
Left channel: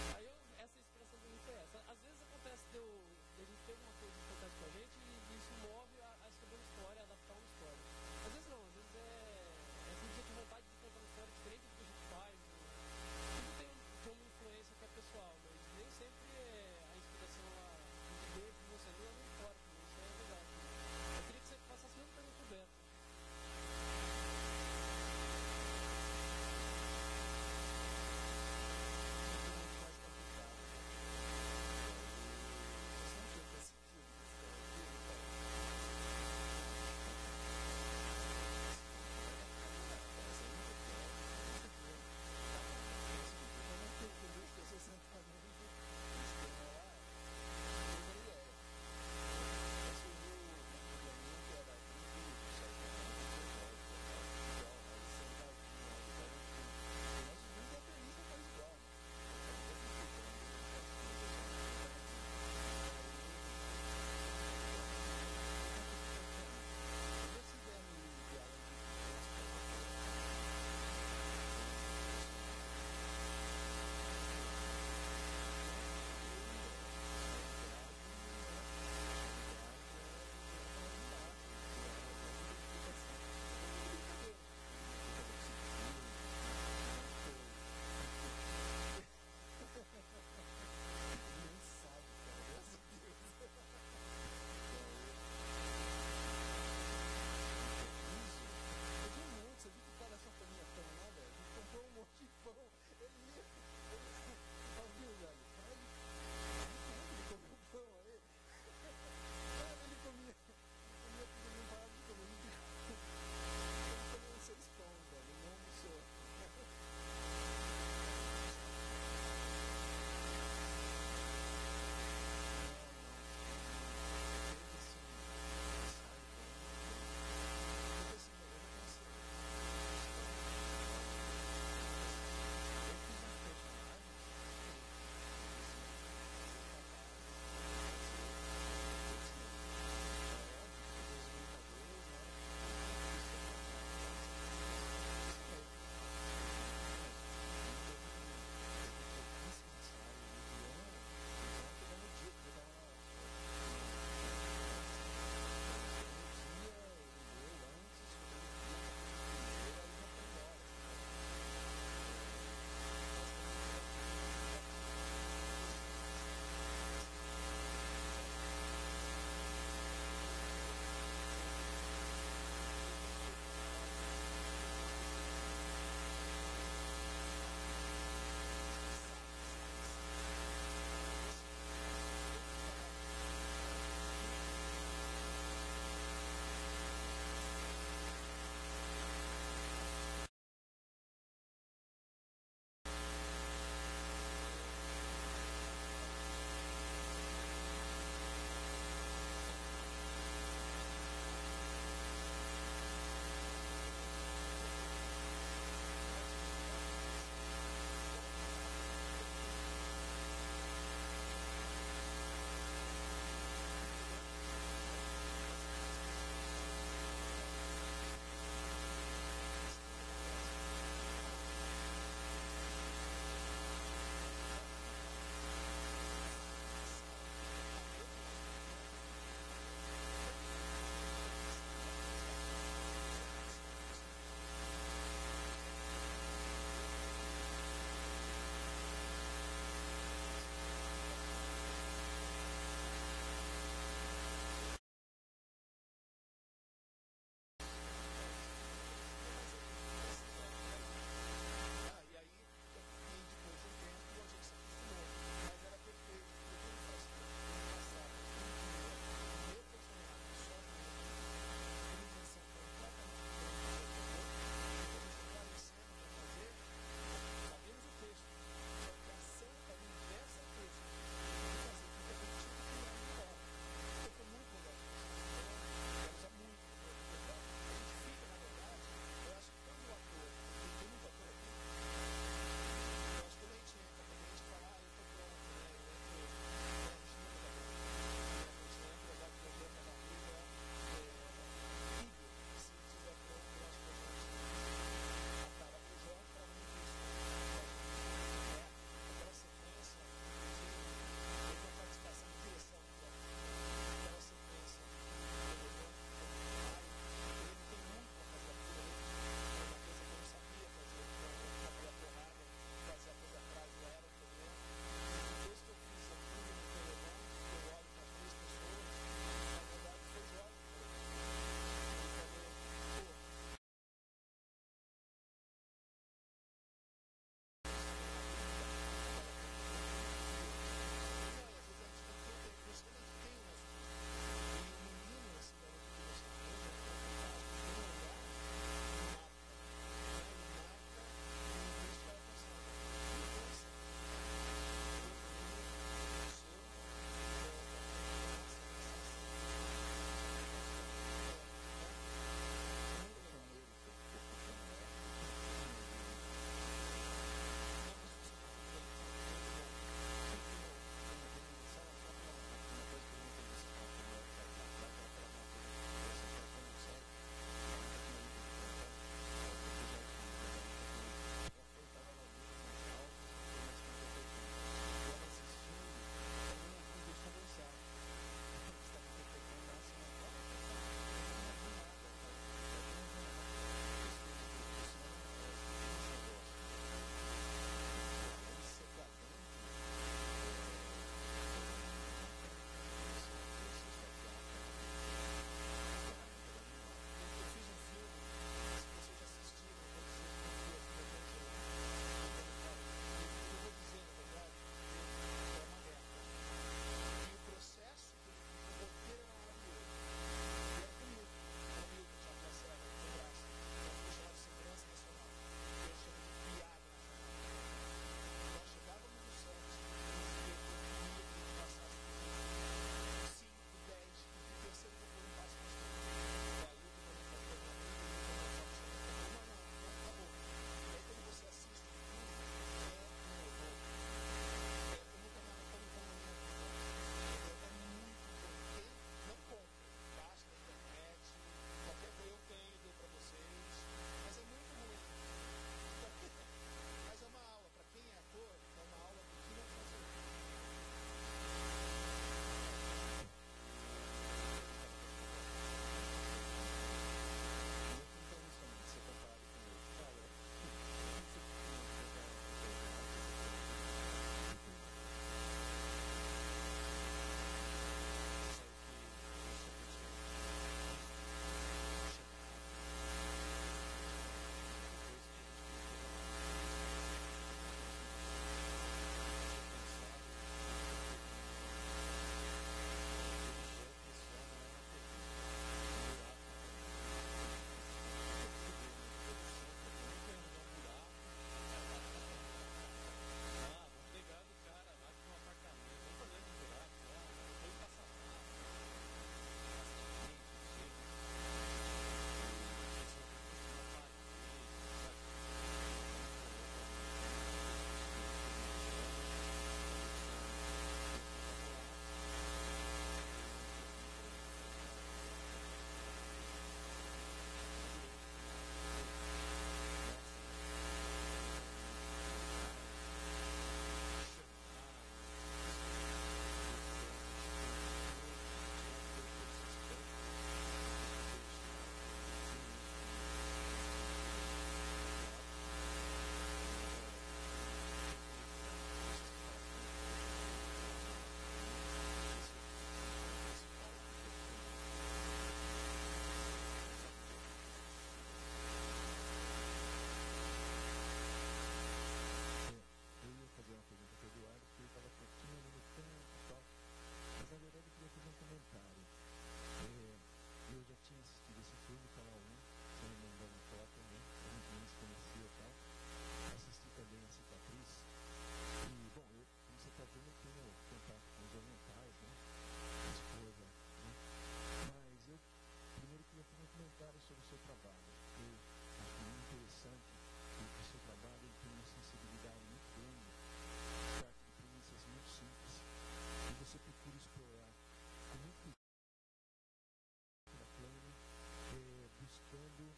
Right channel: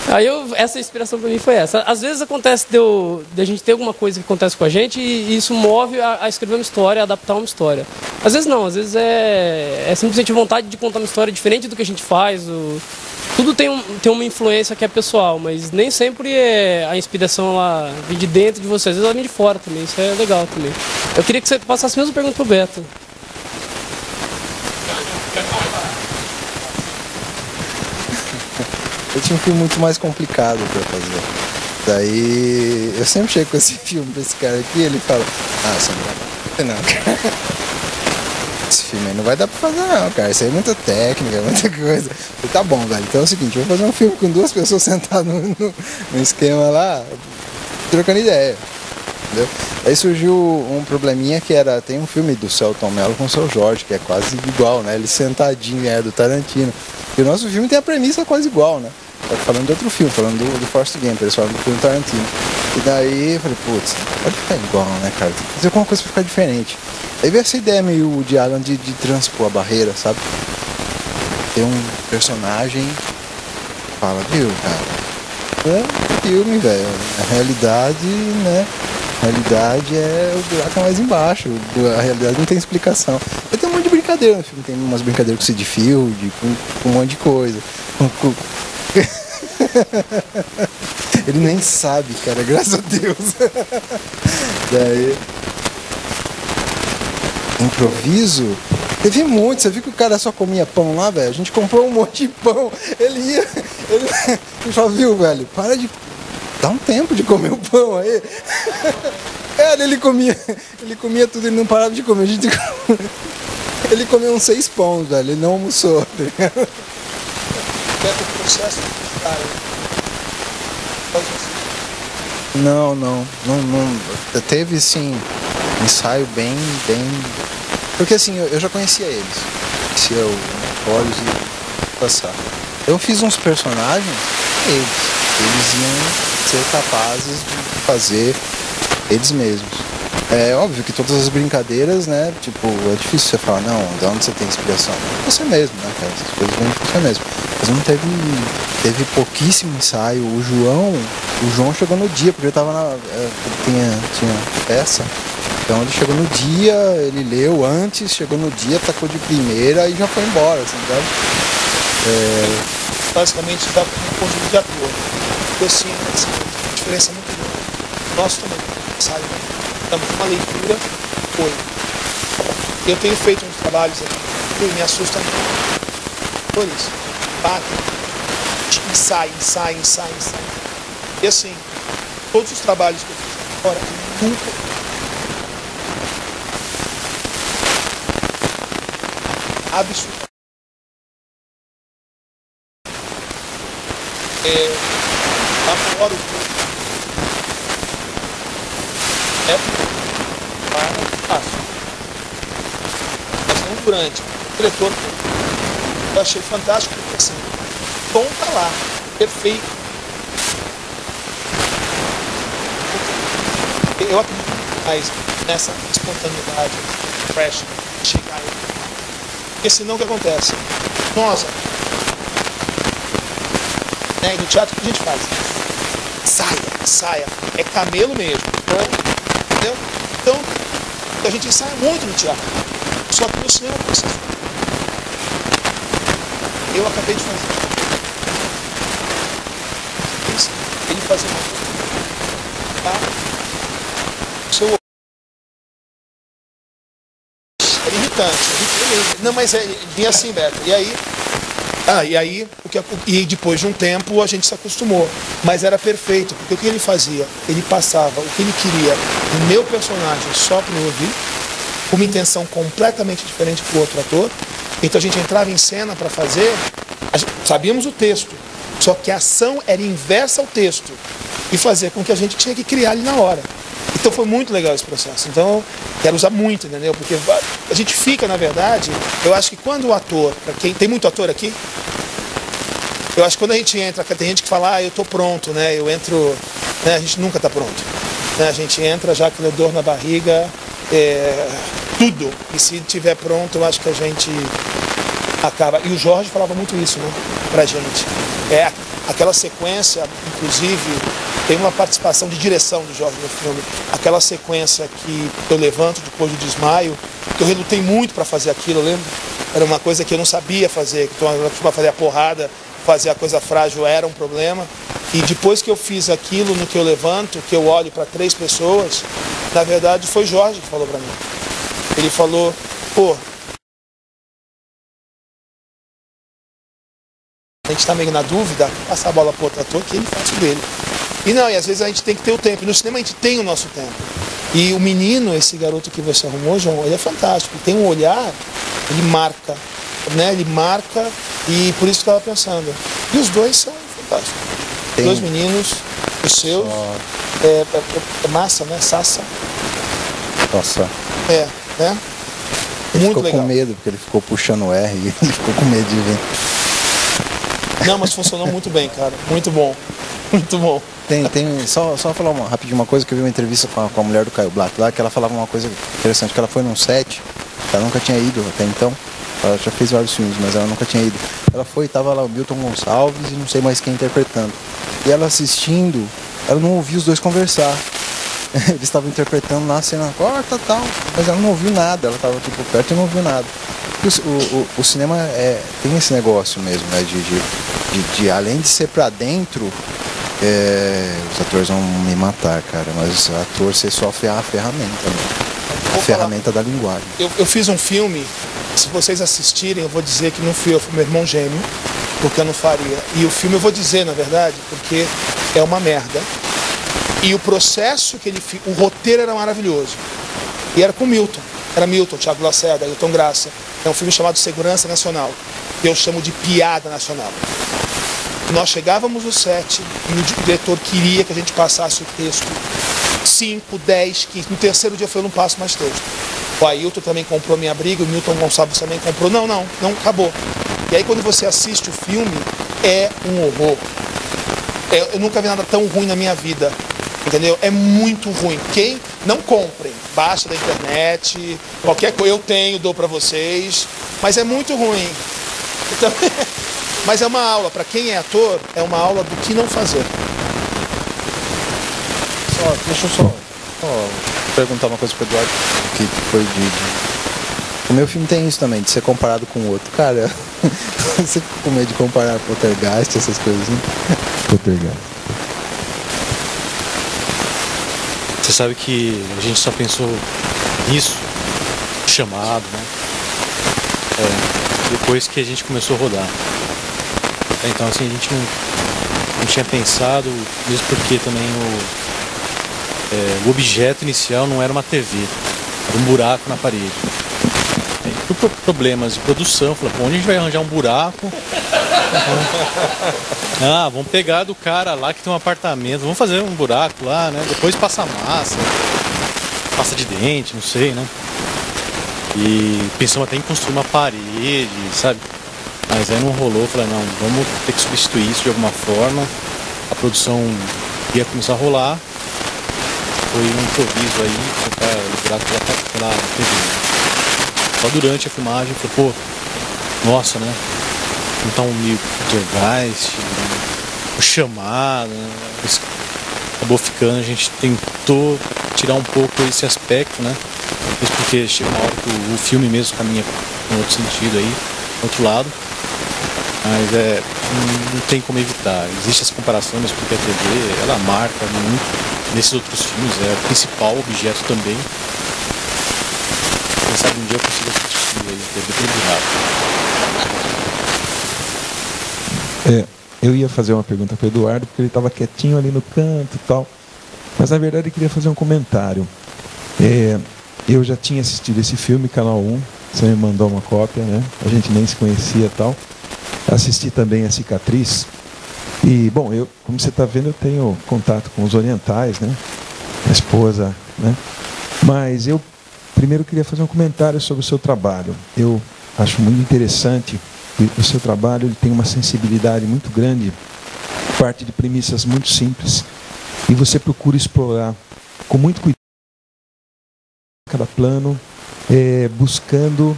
Aí essa inspiração pra mim foi essa. Às vezes acontece de a gente ter alguma coisa que acontece com a gente e isso move a escrever uma história, a adaptar uma história. Às vezes não, às vezes é simplesmente vontade de contar uma história diferente do que a gente faz. Tudo tem uma influência que é pessoal, mas nem sempre a inspiração ela vem de dentro de você, às vezes ela vem de fora também, isso é legal também. Eu queria que você passasse a mesma pergunta pro Beto. Eu tinha um filme muito mais complicado pra fazer. Daí eu sempre chego com esse filme pra esse cara aqui e ele fala, você não vai fazer não, cara. Esse filme aí não vai dar pra fazer não, cara. Isso aí é muita técnica, muita coisa. Eu falei, tá bom, velho. Então é o seguinte, eu vou fazer um filme com 2 pessoas sentadas no esquema lá, trocando ideia. Entendeu? Aí surgiu um probleminha que era, tem um filme do Selton Mello com o Seu Jorge, que é quase igual, né? Ele sentadinho, do Tarantino. E o nosso filme tem a premissa quase igual, né? Tá falando de outro filme, falando do Forrest Gump, eles falam do filme Tarantino. E daí eu falei, putz, pode ficar igual, né, cara? Tem que fazer alguma coisa pra ficar diferente. Aí veio essa ideia meio de Alan de transpor a barreira, sabe? Tem um personagem que fala, viu, cara? É um filme, velho. A realidade, né? A realidade o buraco é mais embaixo. A realidade não tem explicação. E tem um monte de brincadeira no filme. Tem umas brincadeiras com Sid Field, com um monte de coisa. Ele nem sabe, cara, graças a Deus. Daí, improviso, Teve muito, você viu que o cara só comia pão lá, velho? A gente comprou um monte de pão. Ele falou, viu, velho, para de... Dá um tempo de comer o pão aí. Ele comia tudo, ele não parava de comer. Ele comeu uns 6 pães, velho, ele não almoçou. O processo Não. Teve, sim, ensaio bem... Porque, assim, eu já conhecia eles. Conhecia o Olhos e passar. Eu fiz uns personagens, eles iam ser capazes de fazer eles mesmos. É óbvio que todas as brincadeiras, né, tipo, é difícil você falar, não, de onde você tem inspiração? Você mesmo, né, cara, essas coisas vêm de você mesmo. Mas não teve pouquíssimo ensaio. O João chegou no dia, porque eu tava tinha peça. Então ele chegou no dia, ele leu antes, chegou no dia, tacou de primeira e já foi embora, assim, sabe? Basicamente dá um conjunto de ator. Eu sim, assim, a diferença é muito grande. Nós também, sabe? Estamos numa leitura, foi. Eu tenho feito uns trabalhos aqui, que me assusta muito. Por isso, batem, ensaio. E assim, todos os trabalhos que eu fiz agora, nunca. Absurdo. Agora o fácil. Mas não durante. O diretor, eu achei fantástico, porque assim, o tom tá lá, perfeito. Eu acredito mais nessa espontaneidade, fresh, chegar aí. Porque senão o que acontece? Nós, né, no teatro, o que a gente faz? Saia. É camelo mesmo. Entendeu? Então, a gente ensaia muito no teatro. Só que no cinema é processo. Eu acabei de fazer. Ele fazia uma coisa. Tá? Seu... Era irritante. Não, mas vinha assim, Beto. E aí... E depois de um tempo a gente se acostumou. Mas era perfeito, porque o que ele fazia? Ele passava o que ele queria no meu personagem só para eu ouvir, com uma intenção completamente diferente para o outro ator. Então a gente entrava em cena para fazer, sabíamos o texto, só que a ação era inversa ao texto e fazer com que a gente tinha que criar ali na hora. Então foi muito legal esse processo. Então, quero usar muito, entendeu? Porque a gente fica, na verdade, eu acho que quando o ator, pra quem tem muito ator aqui, eu acho que quando a gente entra, tem gente que fala, eu tô pronto, né? Eu entro, né? A gente nunca tá pronto. Né? A gente entra já com dor na barriga, tudo. E se tiver pronto, eu acho que a gente acaba. E o Jorge falava muito isso, né? Pra gente. Aquela sequência, inclusive, tem uma participação de direção do Jorge no filme. Aquela sequência que eu levanto depois do desmaio, que eu relutei muito para fazer aquilo, eu lembro? Era uma coisa que eu não sabia fazer, que eu costumava fazer a porrada, fazer a coisa frágil era um problema. E depois que eu fiz aquilo no que eu levanto, que eu olho para 3 pessoas, na verdade foi Jorge que falou para mim. Ele falou, a gente está meio na dúvida, passar a bola para outro ator, que ele faz o dele. E às vezes a gente tem que ter o tempo. No cinema a gente tem o nosso tempo. E o menino, esse garoto que você arrumou, João, ele é fantástico. Ele tem um olhar, ele marca, né? Ele marca, e por isso que eu estava pensando. E os dois são fantásticos. Os 2 meninos, os seus, é massa, né? Sassa. Nossa. Né? Ele Muito ficou legal. com medo, porque ele ficou puxando o R e ele ficou com medo de vir. Não, mas funcionou muito bem, cara. Muito bom. Muito bom. Só falar rapidinho uma coisa, que eu vi uma entrevista com a mulher do Caio Black lá, que ela falava uma coisa interessante, que ela foi num set, ela nunca tinha ido até então, ela já fez vários filmes, mas ela nunca tinha ido. Ela foi, tava lá o Milton Gonçalves e não sei mais quem interpretando. E ela assistindo, ela não ouvia os dois conversar. Eles estavam interpretando na cena, corta tal, mas ela não ouviu nada, ela estava tipo perto e não ouviu nada. O cinema tem esse negócio mesmo, né, de além de ser pra dentro, os atores vão me matar, cara, mas o ator, você só a ferramenta, né? ferramenta da linguagem. Eu fiz um filme, se vocês assistirem, eu vou dizer que não fui eu, foi meu irmão gêmeo, porque eu não faria. E o filme eu vou dizer, na verdade, porque é uma merda. E o processo que ele fez, o roteiro era maravilhoso. E era com Milton. Era Milton, Thiago Lacerda, Ailton Graça. É um filme chamado Segurança Nacional. Que eu chamo de piada nacional. Nós chegávamos no set e o diretor queria que a gente passasse o texto 5, 10, 15. No terceiro dia eu falei, eu não passo mais texto. O Ailton também comprou minha briga, o Milton Gonçalves também comprou. Não, acabou. E aí quando você assiste o filme, é um horror. Eu nunca vi nada tão ruim na minha vida. Entendeu? É muito ruim. Quem não comprem, baixa da internet, qualquer coisa eu tenho, dou pra vocês, mas é muito ruim. Então, mas é uma aula, para quem é ator, é uma aula do que não fazer. Deixa eu só perguntar uma coisa pro Eduardo, que foi o meu filme tem isso também, de ser comparado com o outro. Cara, você fica com medo de comparar Poltergeist, essas coisas, né? Poltergeist. Você sabe que a gente só pensou nisso, chamado, né? Depois que a gente começou a rodar. Então, assim, a gente não tinha pensado, mesmo porque também o objeto inicial não era uma TV, era um buraco na parede. Aí, por problemas de produção, falou, onde a gente vai arranjar um buraco? Vamos pegar do cara lá que tem um apartamento, vamos fazer um buraco lá, né? Depois passa massa, pasta de dente, não sei, né? E pensamos até em construir uma parede, sabe? Mas aí não rolou, falei, não, vamos ter que substituir isso de alguma forma. A produção ia começar a rolar. Foi um improviso aí, colocar o buraco pela TV. Né? Só durante a filmagem, falei, nossa, né? Então meio Poltergeist, o chamado, né? Acabou ficando, a gente tentou tirar um pouco esse aspecto, né? Isso porque chega uma hora que o filme mesmo caminha em outro sentido aí, outro lado. Mas não tem como evitar. Existe essa comparação, mas porque a TV, ela marca muito nesses outros filmes, é o principal objeto também. Quem sabe um dia eu consigo assistir aí a TV pelo buraco. Eu ia fazer uma pergunta para o Eduardo, porque ele estava quietinho ali no canto e tal. Mas na verdade eu queria fazer um comentário. Eu já tinha assistido esse filme, Canal 1. Você me mandou uma cópia, né? A gente nem se conhecia e tal. Assisti também a Cicatriz. E, bom, como você está vendo, eu tenho contato com os orientais, né? A esposa, né? Mas eu primeiro queria fazer um comentário sobre o seu trabalho. Eu acho muito interessante que o seu trabalho ele tem uma sensibilidade muito grande, parte de premissas muito simples. E você procura explorar com muito cuidado cada plano, buscando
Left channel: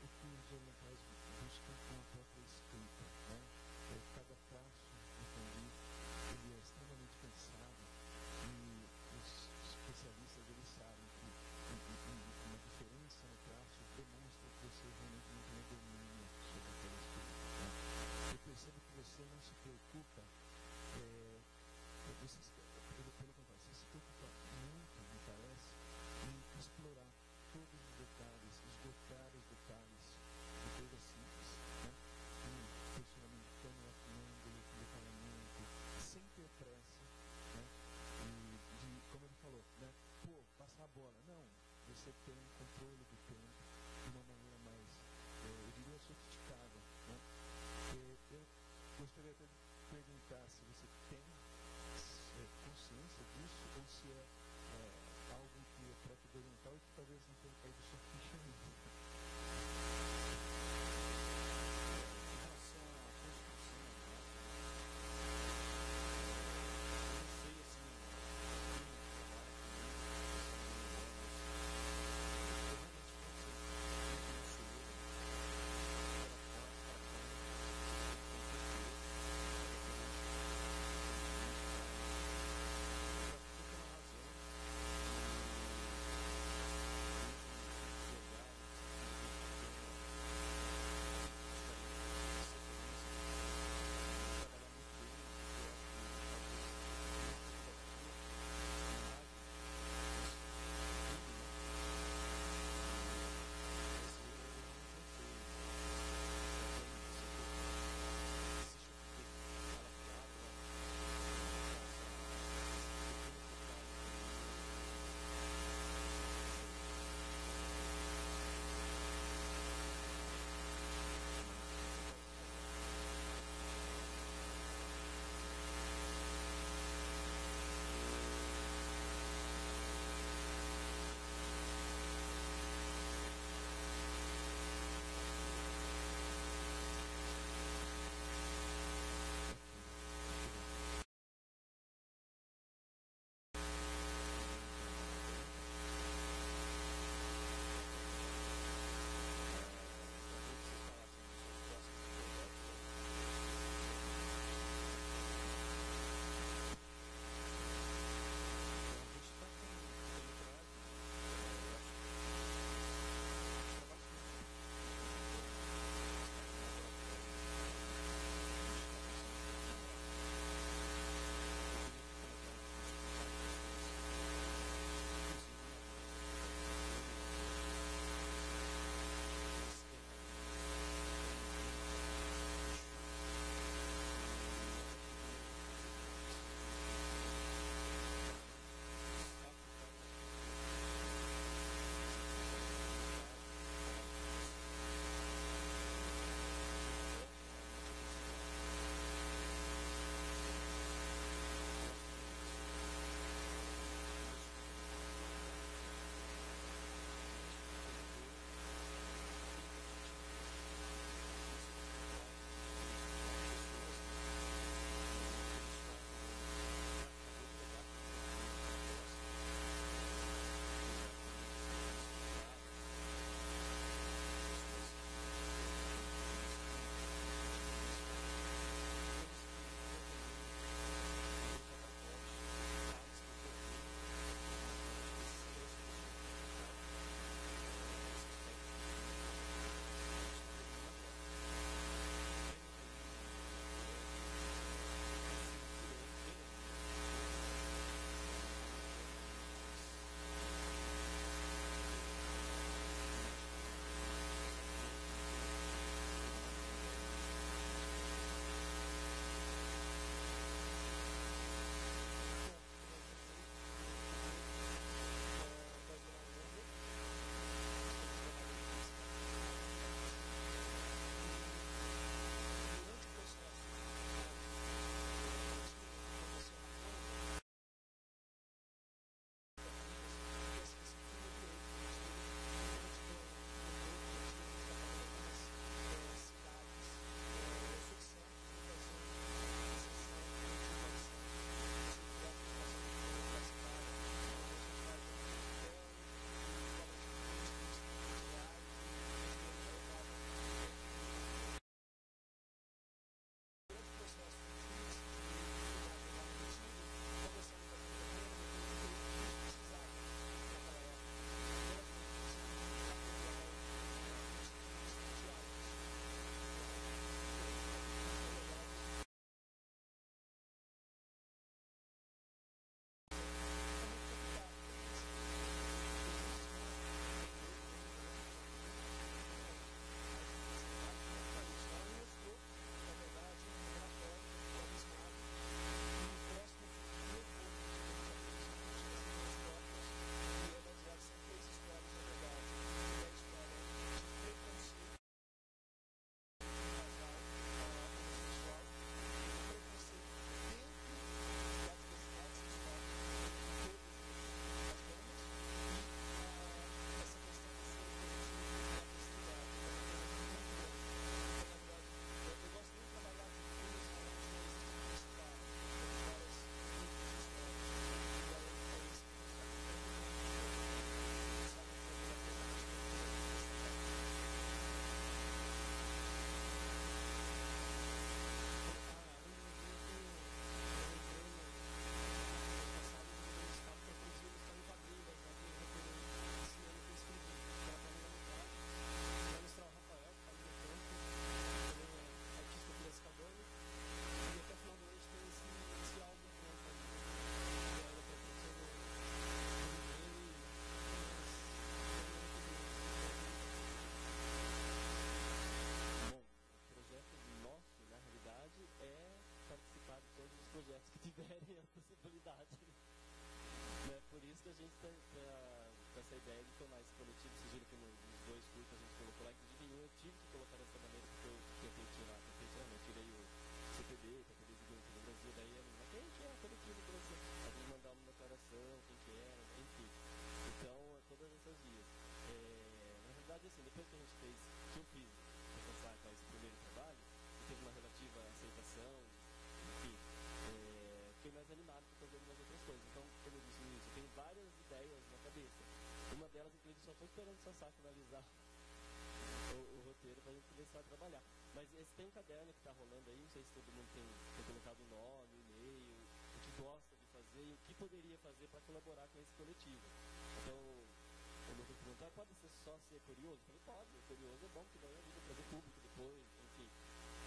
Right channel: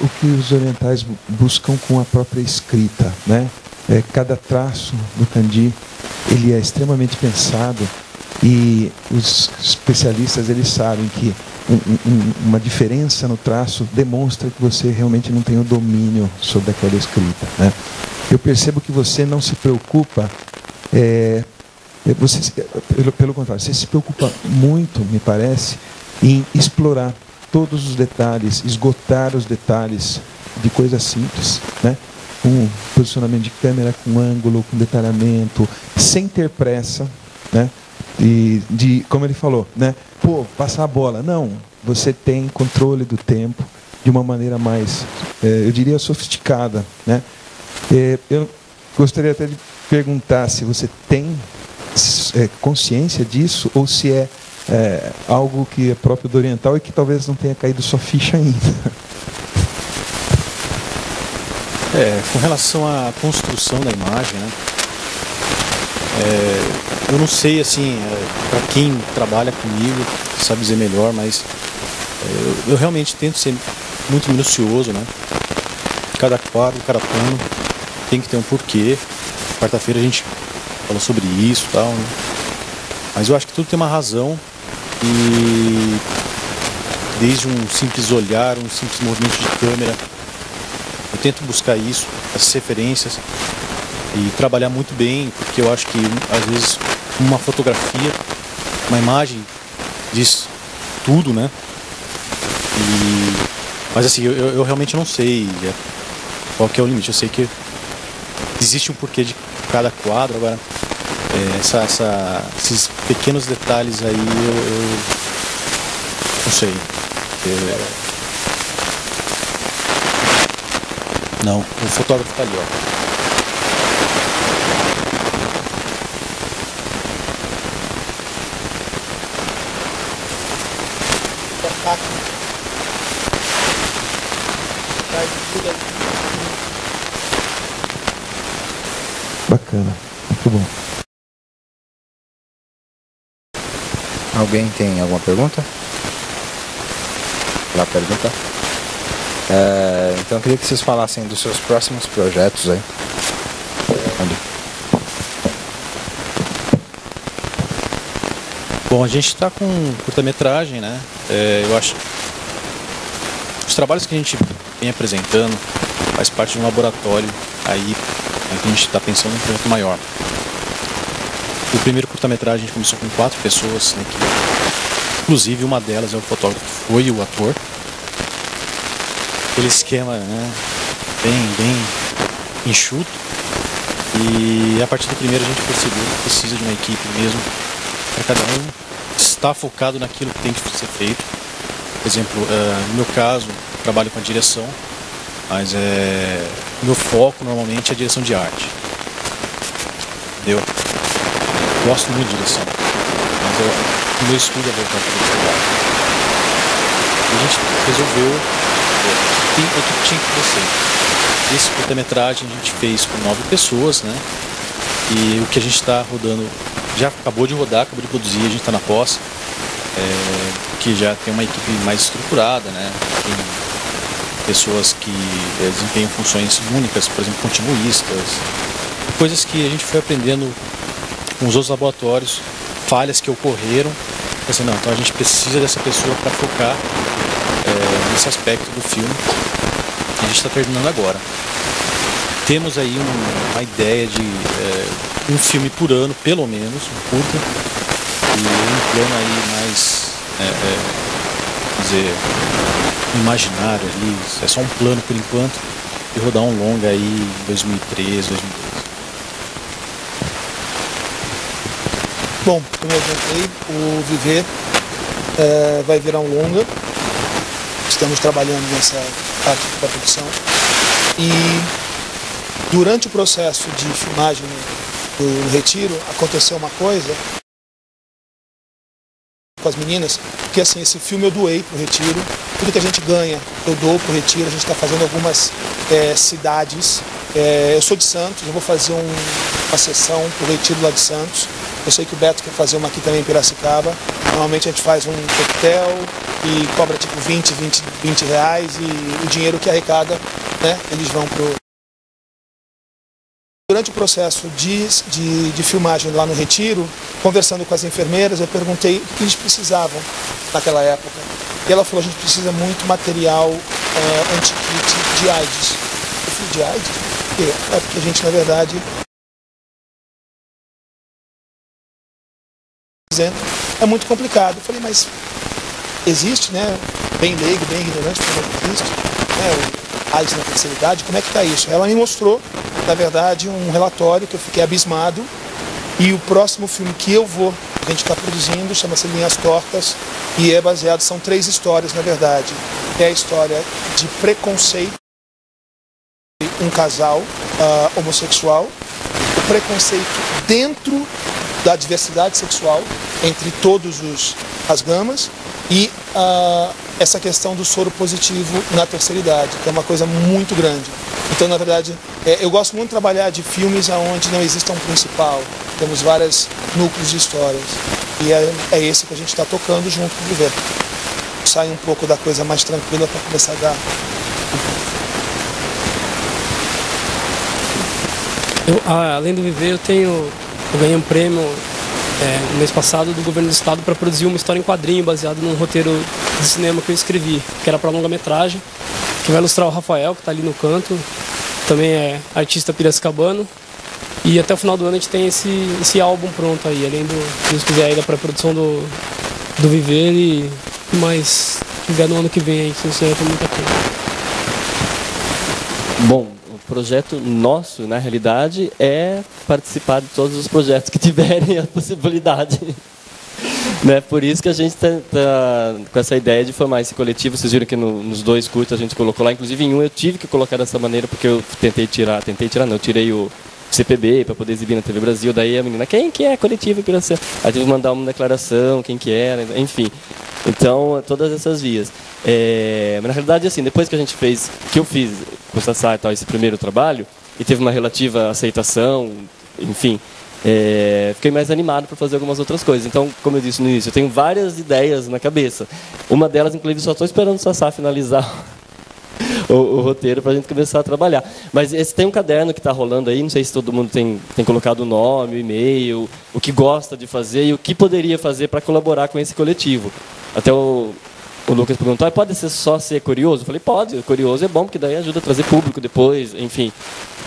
o que os orientais buscam com a própria escrita, né? Cada traço do kanji ele é extremamente pensado e os especialistas eles sabem que uma diferença no traço demonstra que você realmente não tem o domínio sobre aquela escrita, né? Eu percebo que você não se preocupa, pelo contrário, você se preocupa muito, me parece, em explorar todos os detalhes, esgotar os detalhes de coisas simples, né? Com posicionamento de câmera, com ângulo, com detalhamento, sem ter pressa, né? E como ele falou, né? Passar a bola. Não, você tem controle do tempo de uma maneira mais, eu diria, sofisticada, né? Eu gostaria até de perguntar se você tem consciência disso ou se é algo que é próprio do oriental e que talvez não tenha caído sua ficha ainda. Com relação à construção da imagem, né? Eu não sei, assim, para quem trabalha comigo, sabe dizer melhor, mas eu realmente tento ser muito minucioso, né? Cada quadro, cada plano tem que ter um porquê. Quarta-feira a gente falou sobre isso e tal, né? Mas eu acho que tudo tem uma razão e desde um simples olhar, um simples movimento de câmera, eu tento buscar isso, essas referências e trabalhar muito bem, porque eu acho que às vezes uma fotografia, uma imagem diz tudo, né? Mas assim, eu realmente não sei qual que é o limite. Eu sei que existe um porquê de cada quadro. Agora, esses pequenos detalhes aí, eu não sei. Não, o fotógrafo tá ali, ó. Bacana, muito bom. Alguém tem alguma pergunta? Lá pergunta. Então eu queria que vocês falassem dos seus próximos projetos aí. Bom, a gente está com curta-metragem, né? Eu acho os trabalhos que a gente vem apresentando faz parte de um laboratório aí que a gente está pensando em um projeto maior. O primeiro curta-metragem a gente começou com 4 pessoas, né, inclusive uma delas é o fotógrafo que foi o ator. Aquele esquema, né, bem enxuto. E a partir do primeiro a gente percebeu que precisa de uma equipe mesmo para cada um estar focado naquilo que tem que ser feito. Por exemplo, no meu caso, eu trabalho com a direção, mas meu foco normalmente é a direção de arte. Entendeu? Gosto muito de direção, mas o meu estudo é voltado para a direção de arte. E a gente resolveu que a equipe tinha que crescer. Esse curta-metragem a gente fez com 9 pessoas, né? E o que a gente está rodando, já acabou de rodar, acabou de produzir, a gente está na pós, que já tem uma equipe mais estruturada, né? Tem pessoas que desempenham funções únicas, por exemplo, continuistas, coisas que a gente foi aprendendo com os outros laboratórios, falhas que ocorreram. Assim, não, então a gente precisa dessa pessoa para focar nesse aspecto do filme. A gente está terminando agora. Temos aí uma ideia de um filme por ano, pelo menos, um curta, e um plano aí mais, dizer, imaginário ali, é só um plano por enquanto, e rodar um longa aí em 2013, 2012. Bom, como eu adiantei, o Viver vai virar um longa. Estamos trabalhando nessa parte da produção. E durante o processo de filmagem do Retiro, aconteceu uma coisa com as meninas, porque assim, esse filme eu doei pro Retiro, tudo que a gente ganha eu dou pro Retiro, a gente está fazendo algumas cidades. Eu sou de Santos, eu vou fazer uma sessão pro Retiro lá de Santos. Eu sei que o Beto quer fazer uma aqui também em Piracicaba. Normalmente a gente faz um coquetel e cobra tipo 20 reais, e o dinheiro que arrecada, né, eles vão pro... Durante o processo de filmagem lá no Retiro, conversando com as enfermeiras, eu perguntei o que eles precisavam naquela época. E ela falou, a gente precisa muito material anti-kit de AIDS. Eu falei, de AIDS? Por quê? Porque a gente, na verdade, é muito complicado. Eu falei, mas existe, né? Bem leigo, bem ignorante, como é que existe, né? O AIDS na terceira idade, como é que está isso? Ela me mostrou, na verdade, um relatório que eu fiquei abismado, e o próximo filme que a gente está produzindo, chama-se Linhas Tortas, e é baseado, são 3 histórias, na verdade. É a história de preconceito, um casal homossexual, o preconceito dentro da diversidade sexual, entre todas as gamas, e essa questão do soro positivo na terceira idade, que é uma coisa muito grande. Então, na verdade, eu gosto muito de trabalhar de filmes onde não exista um principal. Temos vários núcleos de histórias. E é esse que a gente está tocando junto com o Viver. Sai um pouco da coisa mais tranquila para começar a dar. Além do Viver, eu ganhei um prêmio no mês passado do governo do estado para produzir uma história em quadrinho baseada num roteiro de cinema que eu escrevi, que era para longa-metragem, que vai ilustrar o Rafael, que está ali no canto, também é artista piracicabano, e até o final do ano a gente tem esse álbum pronto aí, além do, se Deus quiser, aí da pré-produção do Viver e mais tiver no ano que vem aí, se não sei, muita coisa. Bom, o projeto nosso, na realidade, é participar de todos os projetos que tiverem a possibilidade. Né? Por isso que a gente está com essa ideia de formar esse coletivo. Vocês viram que nos 2 cursos a gente colocou lá, inclusive em um eu tive que colocar dessa maneira, porque eu eu tirei o CPB para poder exibir na TV Brasil. Daí a menina, quem que é coletivo Piracema? Aí tive que mandar uma declaração, quem que era, enfim. Então, todas essas vias. Mas na realidade, assim, depois que eu fiz com o Sassá e tal, esse primeiro trabalho, e teve uma relativa aceitação, enfim, fiquei mais animado para fazer algumas outras coisas. Então, como eu disse no início, eu tenho várias ideias na cabeça. Uma delas, inclusive, só estou esperando o Sassá finalizar o roteiro para a gente começar a trabalhar. Mas tem um caderno que está rolando aí, não sei se todo mundo tem colocado o nome, o e-mail, o que gosta de fazer e o que poderia fazer para colaborar com esse coletivo. Até o Lucas perguntou, pode só ser curioso? Eu falei, pode, curioso é bom, porque daí ajuda a trazer público depois, enfim.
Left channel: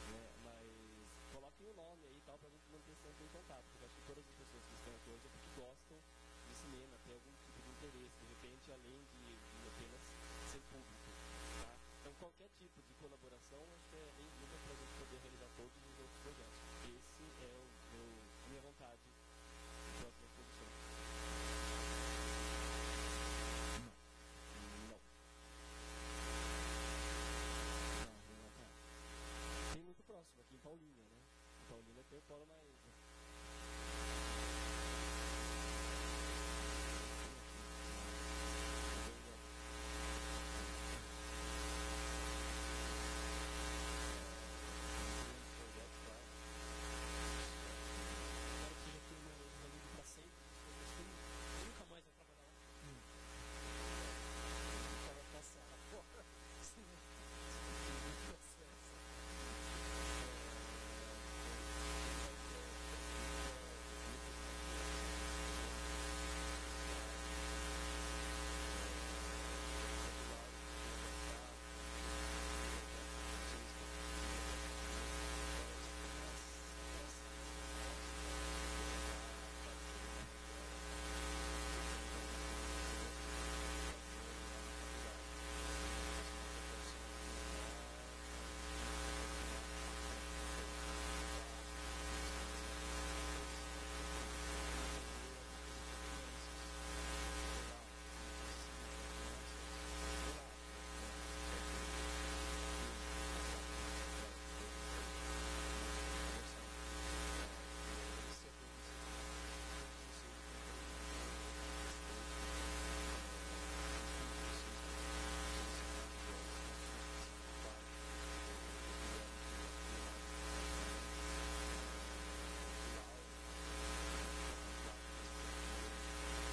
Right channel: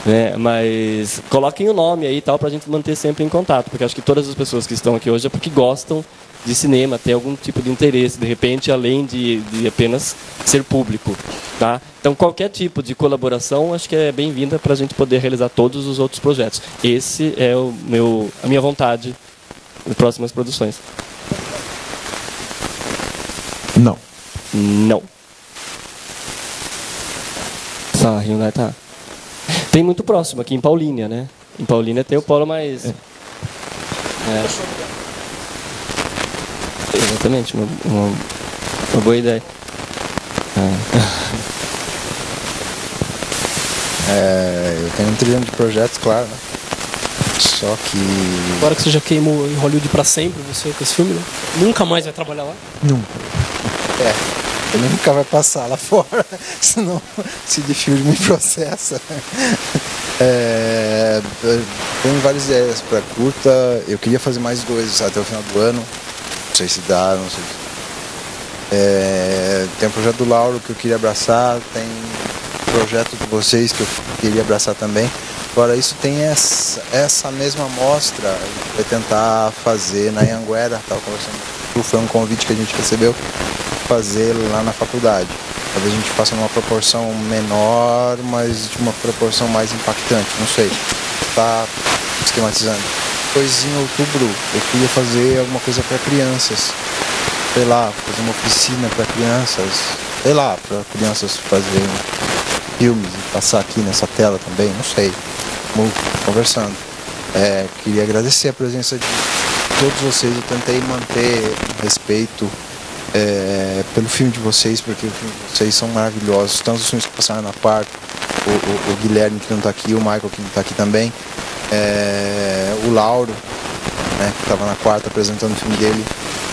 Né? Mas coloquem o nome aí e tal, para a gente manter sempre em contato, porque acho que todas as pessoas que estão aqui hoje é porque gostam de cinema, tem algum tipo de interesse, de repente, além de apenas ser público. Tá? Então, qualquer tipo de colaboração, acho que é bem-vinda para a gente poder realizar todos os outros projetos. Esse é a minha vontade de próximas produções. Não. Não. Só Hyundai tá. Tem muito próximo, aqui em Paulínia, né? Em Paulínia tem o polo mais... Exatamente, uma boa ideia. Eu tenho um trilhão de projetos, claro, né? Só que... Agora que você já queimou em Hollywood pra sempre, você com esse filme, né? Nunca mais vai trabalhar lá? Nunca. Ele nunca vai passar lá fora, senão se de filme me processa. Tenho várias ideias para curta, eu queria fazer mais 2 até o final do ano, não sei se dá, não sei se... tem o projeto do Lauro que eu queria abraçar, tem o projeto de vocês que eu queria abraçar também. Agora, isso tem essa mesma mostra, a gente vai tentar fazer na Anhanguera, estava conversando, foi um convite que a gente recebeu, fazer lá na faculdade. Talvez a gente faça numa proporção menor, mas de uma proporção mais impactante, não sei. Tá esquematizando. Depois em outubro eu queria fazer alguma coisa para crianças. Sei lá, fazer uma oficina para crianças. Sei lá, para crianças fazerem filmes e passar aqui nessa tela também, não sei. Vamos conversando. Queria agradecer a presença de todos vocês. Eu tentei manter respeito pelo filme de vocês, porque o filme de vocês são maravilhosos. Tanto os filmes que passaram na quarta, o Guilherme que não está aqui, o Michael que não está aqui também, o Lauro, né, que estava na quarta apresentando o filme dele.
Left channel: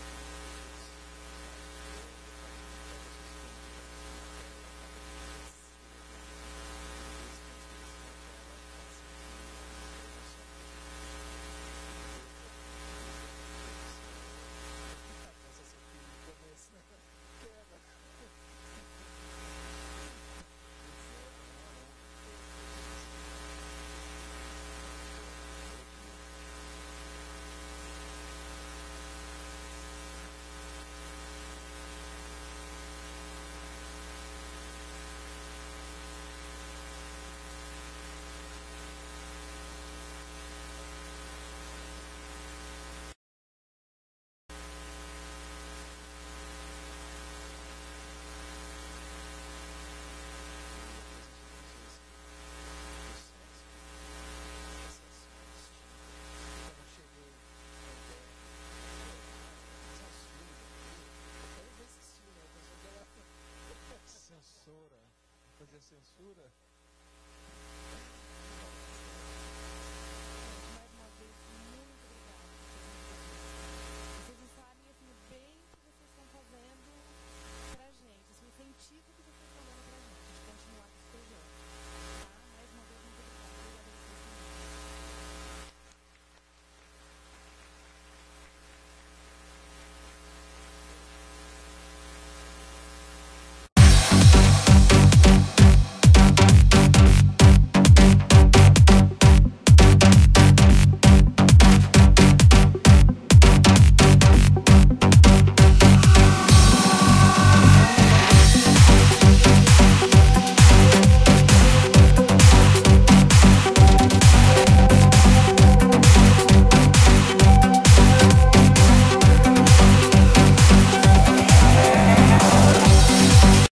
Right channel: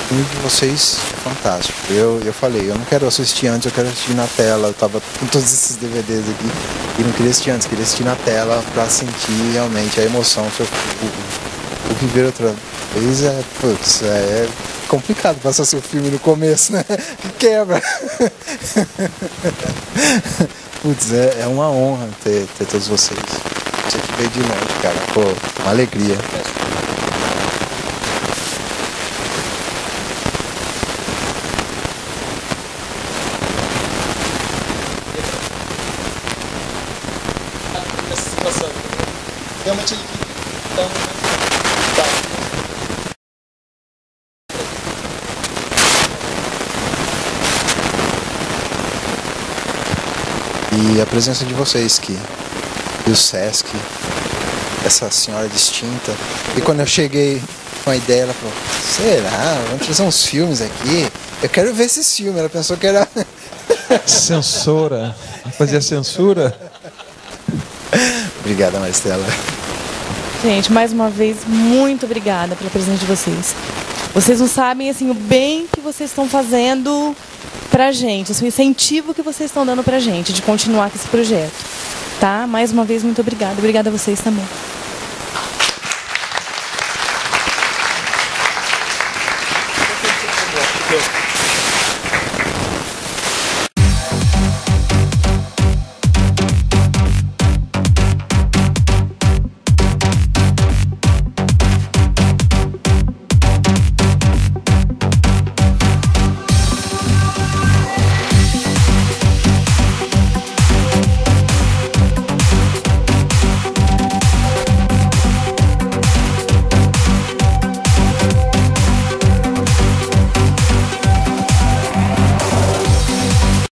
O filme de vocês é fantástico. Eu falei, eu não quero assistir antes, eu quero assistir na tela. Eu estava com todos esses DVDs aqui e não queria assistir antes, queria assistir na tela para sentir realmente a emoção. O viver outra vez é complicado passar seu filme no começo, né? Quebra. Putz, é uma honra ter todos vocês. Você que veio de longe, cara. Pô, uma alegria. Realmente ele dá E a presença de vocês e o Sesc, essa senhora distinta. E quando eu cheguei com a ideia, ela falou, será? Vamos trazer uns filmes aqui? Eu quero ver esses filmes. Ela pensou que era... Censora. Fazia censura. Obrigada, Maristela. Gente, mais uma vez, muito obrigada pela presença de vocês. Vocês não sabem, assim, o bem que vocês estão fazendo pra gente, assim, o incentivo que vocês estão dando pra gente de continuar com esse projeto. Tá? Mais uma vez, muito obrigada. Obrigada a vocês também.